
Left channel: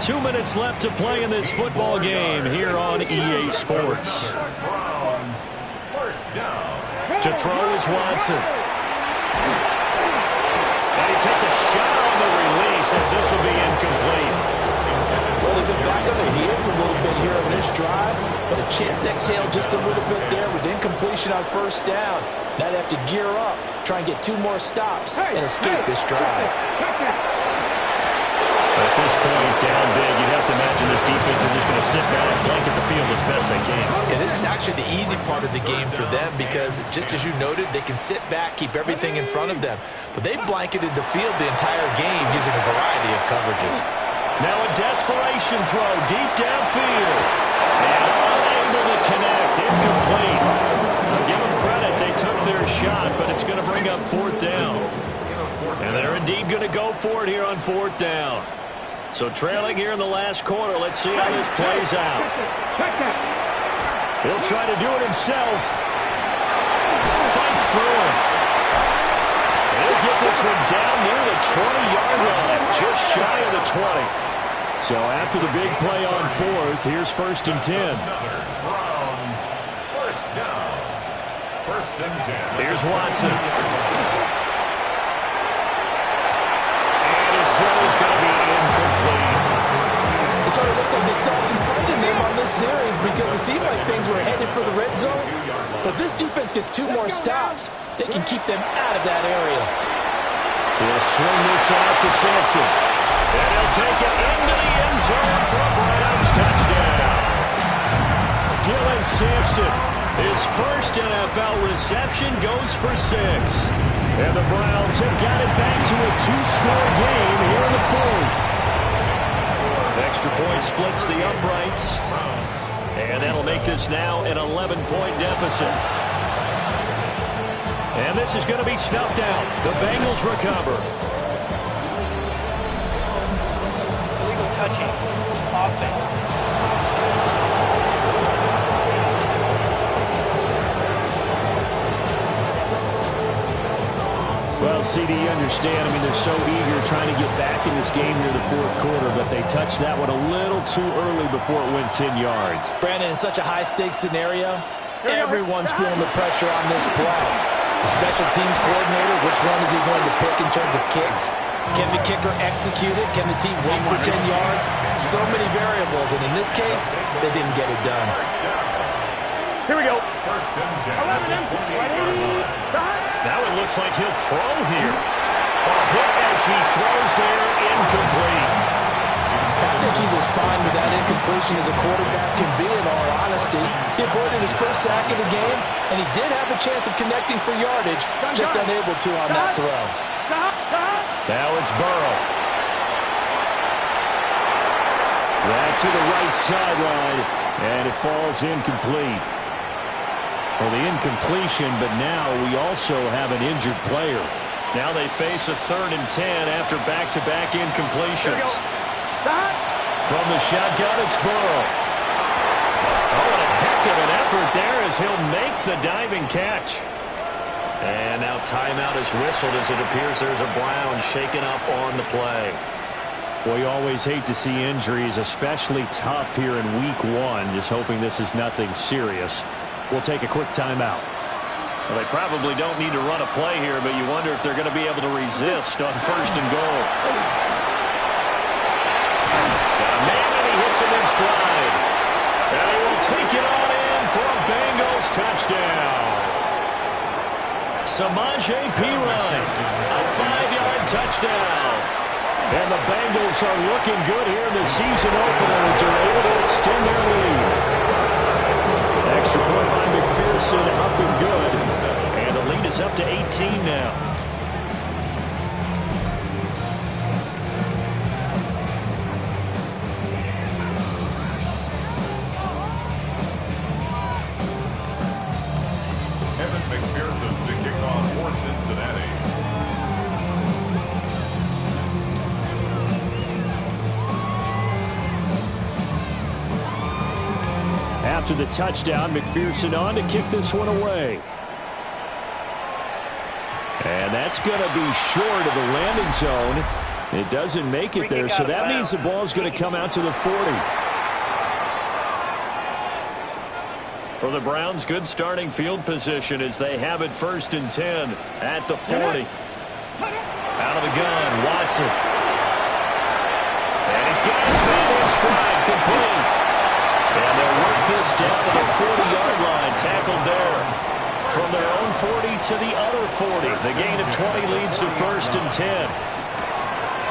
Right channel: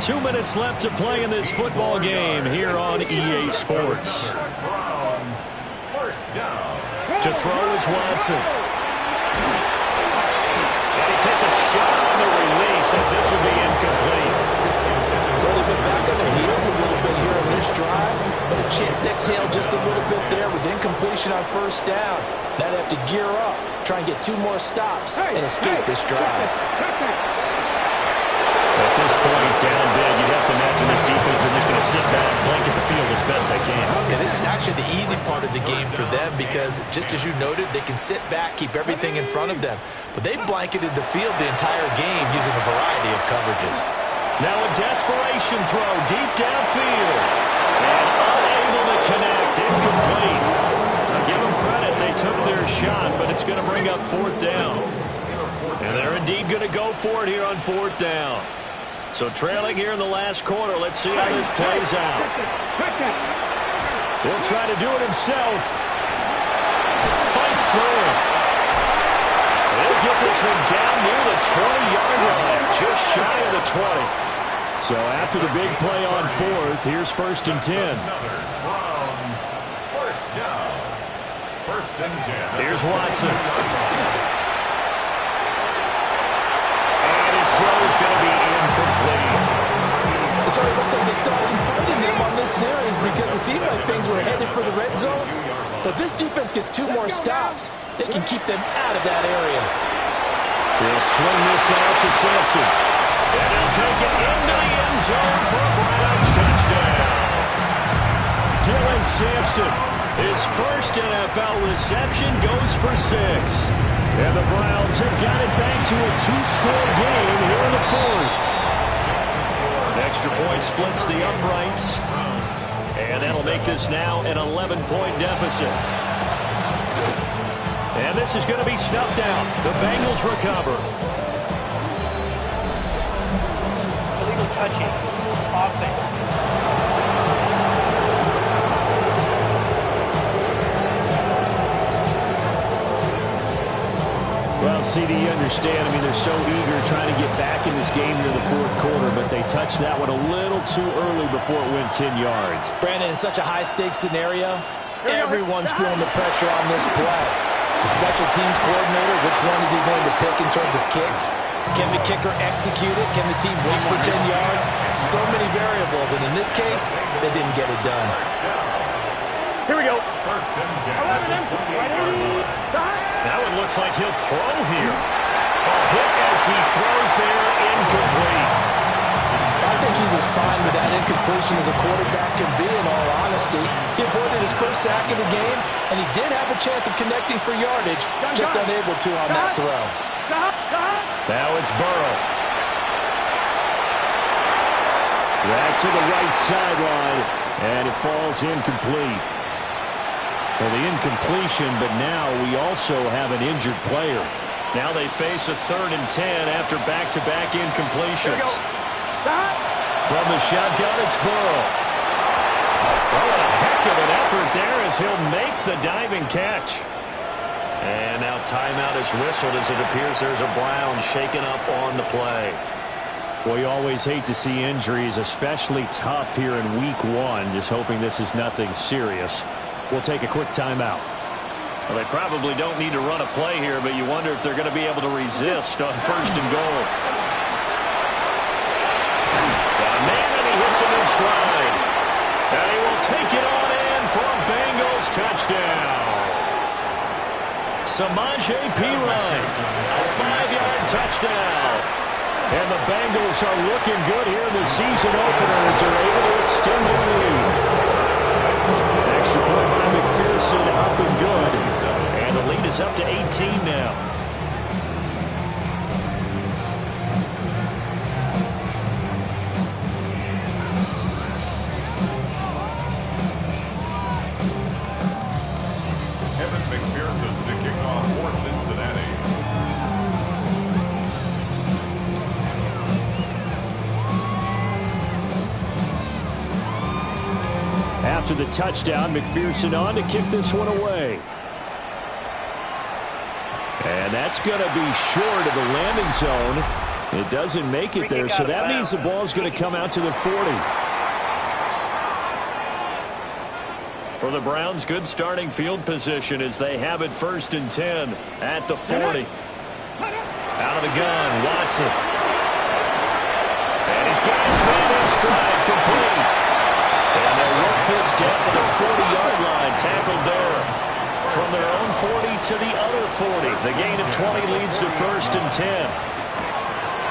2 minutes left to play in this football game here on EA Sports. Browns. First down. To throw is Watson. And he takes a shot on the release as this will be incomplete. Well, they've been back on their heels a little bit here on this drive, but a chance to exhale just a little bit there with incompletion on first down. Now they have to gear up, try and get 2 more stops and escape this drive. At this point, down big, you'd have to imagine this defense are just going to sit back, blanket the field as best they can. Yeah, this is actually the easy part of the game for them because, just as you noted, they can sit back, keep everything in front of them. But they blanketed the field the entire game using a variety of coverages. Now a desperation throw deep downfield. And unable to connect. Incomplete. Now give them credit. They took their shot, but it's going to bring up 4th down. And they're indeed going to go for it here on 4th down. So trailing here in the last quarter. Let's see how this plays out. He'll try to do it himself. Fights through him. He'll get this one down near the 20-yard line, just shy of the 20. So after the big play on 4th, here's 1st and 10. Browns, 1st down. 1st and 10. Here's Watson. And his throw is going to be incomplete. So it looks like they still have some fight in them on this series because it seemed like things were headed for the red zone. But this defense gets 2 more stops. They can keep them out of that area. He'll swing this out to Sampson. And he'll take it into the end zone for a Browns touchdown. Dylan Sampson, his first NFL reception, goes for 6. And the Browns have got it back to a 2-score game here in the 4th. Extra point splits the uprights. And that'll make this now an 11-point deficit. And this is going to be snuffed out. The Bengals recover. Illegal touching. Offense. Well, CD, you understand. I mean, they're so eager trying to get back in this game here in the 4th quarter, but they touched that one a little too early before it went 10 yards. Brandon, in such a high-stakes scenario, everyone's feeling the pressure on this play. The special teams coordinator, which one is he going to pick in terms of kicks? Can the kicker execute it? Can the team wait for 10 yards? So many variables, and in this case, they didn't get it done. Here we go. 1st and 10. 11, ready, Now it looks like he'll throw here. A hit as he throws there, incomplete. I think he's as fine with that incompletion as a quarterback can be, in all honesty. He avoided his first sack of the game, and he did have a chance of connecting for yardage, just unable to on that throw. Now it's Burrow. That's to the right sideline, and it falls incomplete. Well, the incompletion, but now we also have an injured player. Now they face a 3rd and 10 after back-to-back incompletions. From the shotgun, it's Burrow. Oh, what a heck of an effort there as he'll make the diving catch. And now timeout is whistled as it appears there's a Brown shaken up on the play. Well, you always hate to see injuries, especially tough here in week 1. Just hoping this is nothing serious. We'll take a quick timeout. Well, they probably don't need to run a play here, but you wonder if they're going to be able to resist on 1st and goal. Got a man, and he hits him in stride. And he will take it on in for a Bengals touchdown. Samaje Perine, a 5-yard touchdown. And the Bengals are looking good here in the season opener as they're able to extend their lead. Extra point by McPherson, up and good. And the lead is up to 18 now. Evan McPherson to kick off for Cincinnati. After the touchdown, McPherson on to kick this one away. And that's going to be short of the landing zone. It doesn't make it there, so that means the ball is going to come out to the 40. For the Browns, good starting field position as they have it 1st and 10 at the 40. Out of the gun, Watson. And he's got his man in stride, complete. And they'll work this down to the 40-yard line, tackled there. From their own 40 to the other 40. The gain of 20 leads to 1st and 10.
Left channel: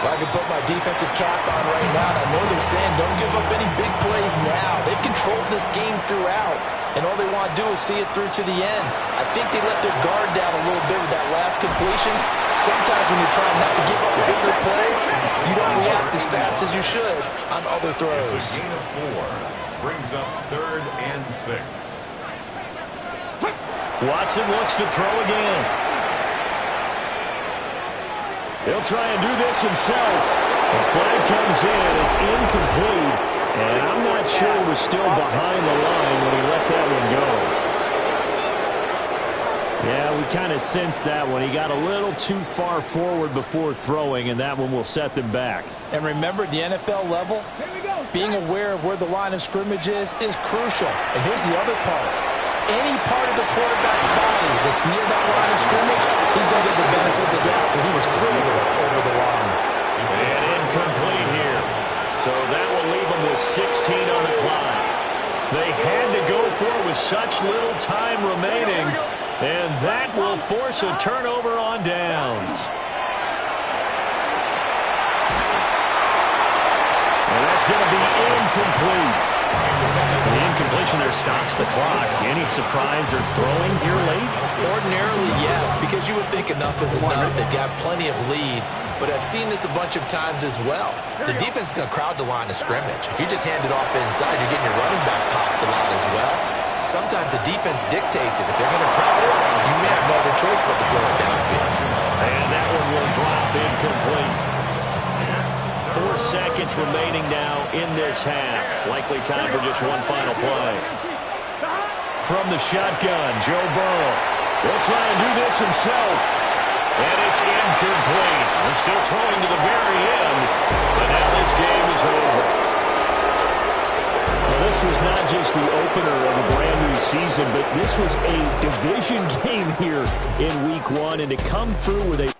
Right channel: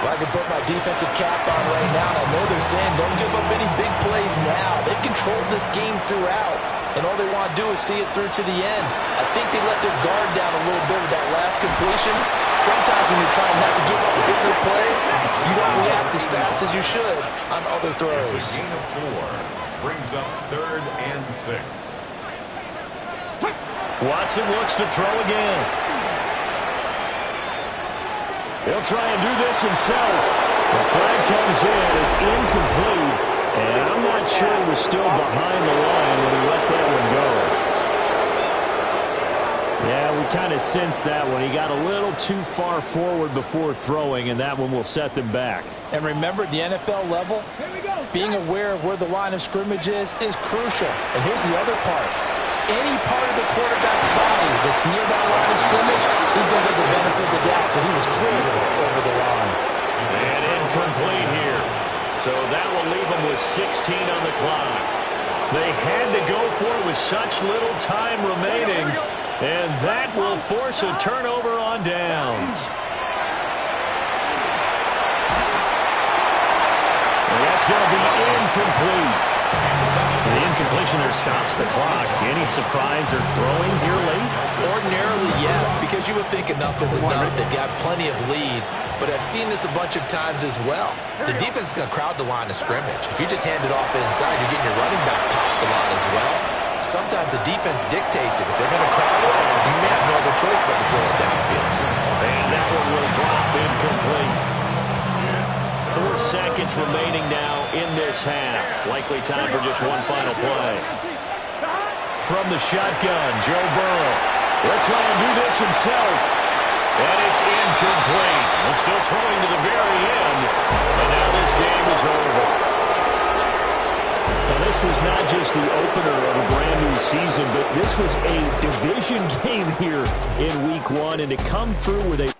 Well, I can put my defensive cap on right now, and I know they're saying don't give up any big plays now. They've controlled this game throughout, and all they want to do is see it through to the end. I think they let their guard down a little bit with that last last completion. Sometimes when you're trying not to give up bigger plays, you don't react as fast as you should on other throws. It's a gain of 4. Brings up 3rd and 6. Watson looks to throw again. He'll try and do this himself. The flag comes in. It's incomplete. And I'm not sure he was still behind the line when he let that one go. Yeah, we kind of sensed that one. He got a little too far forward before throwing, and that one will set them back. And remember, the NFL level, being aware of where the line of scrimmage is crucial. And here's the other part. Any part of the quarterback's body that's near that line of scrimmage, he's going to get the benefit of the doubt. So he was clearly over the line. And incomplete here. So that will leave them with 16 on the clock. They had to go for it with such little time remaining. And that will force a turnover on downs. And that's going to be incomplete. The incompletion there stops the clock. Any surprise they're throwing here late? Ordinarily, yes, because you would think enough is enough. They've got plenty of lead, but I've seen this a bunch of times as well. The defense is going to crowd the line of scrimmage. If you just hand it off inside, you're getting your running back popped a lot as well. Sometimes the defense dictates it. If they're going to crowd it, you may have no other choice but to throw it downfield. And that one will drop incomplete. 4 seconds remaining now in this half. Likely time for just one final play. From the shotgun, Joe Burrow. He'll try and do this himself. And it's incomplete. He's still throwing to the very end. But now this game is over. Well, this was not just the opener of a brand new season, but this was a division game here in week 1. And to come through with a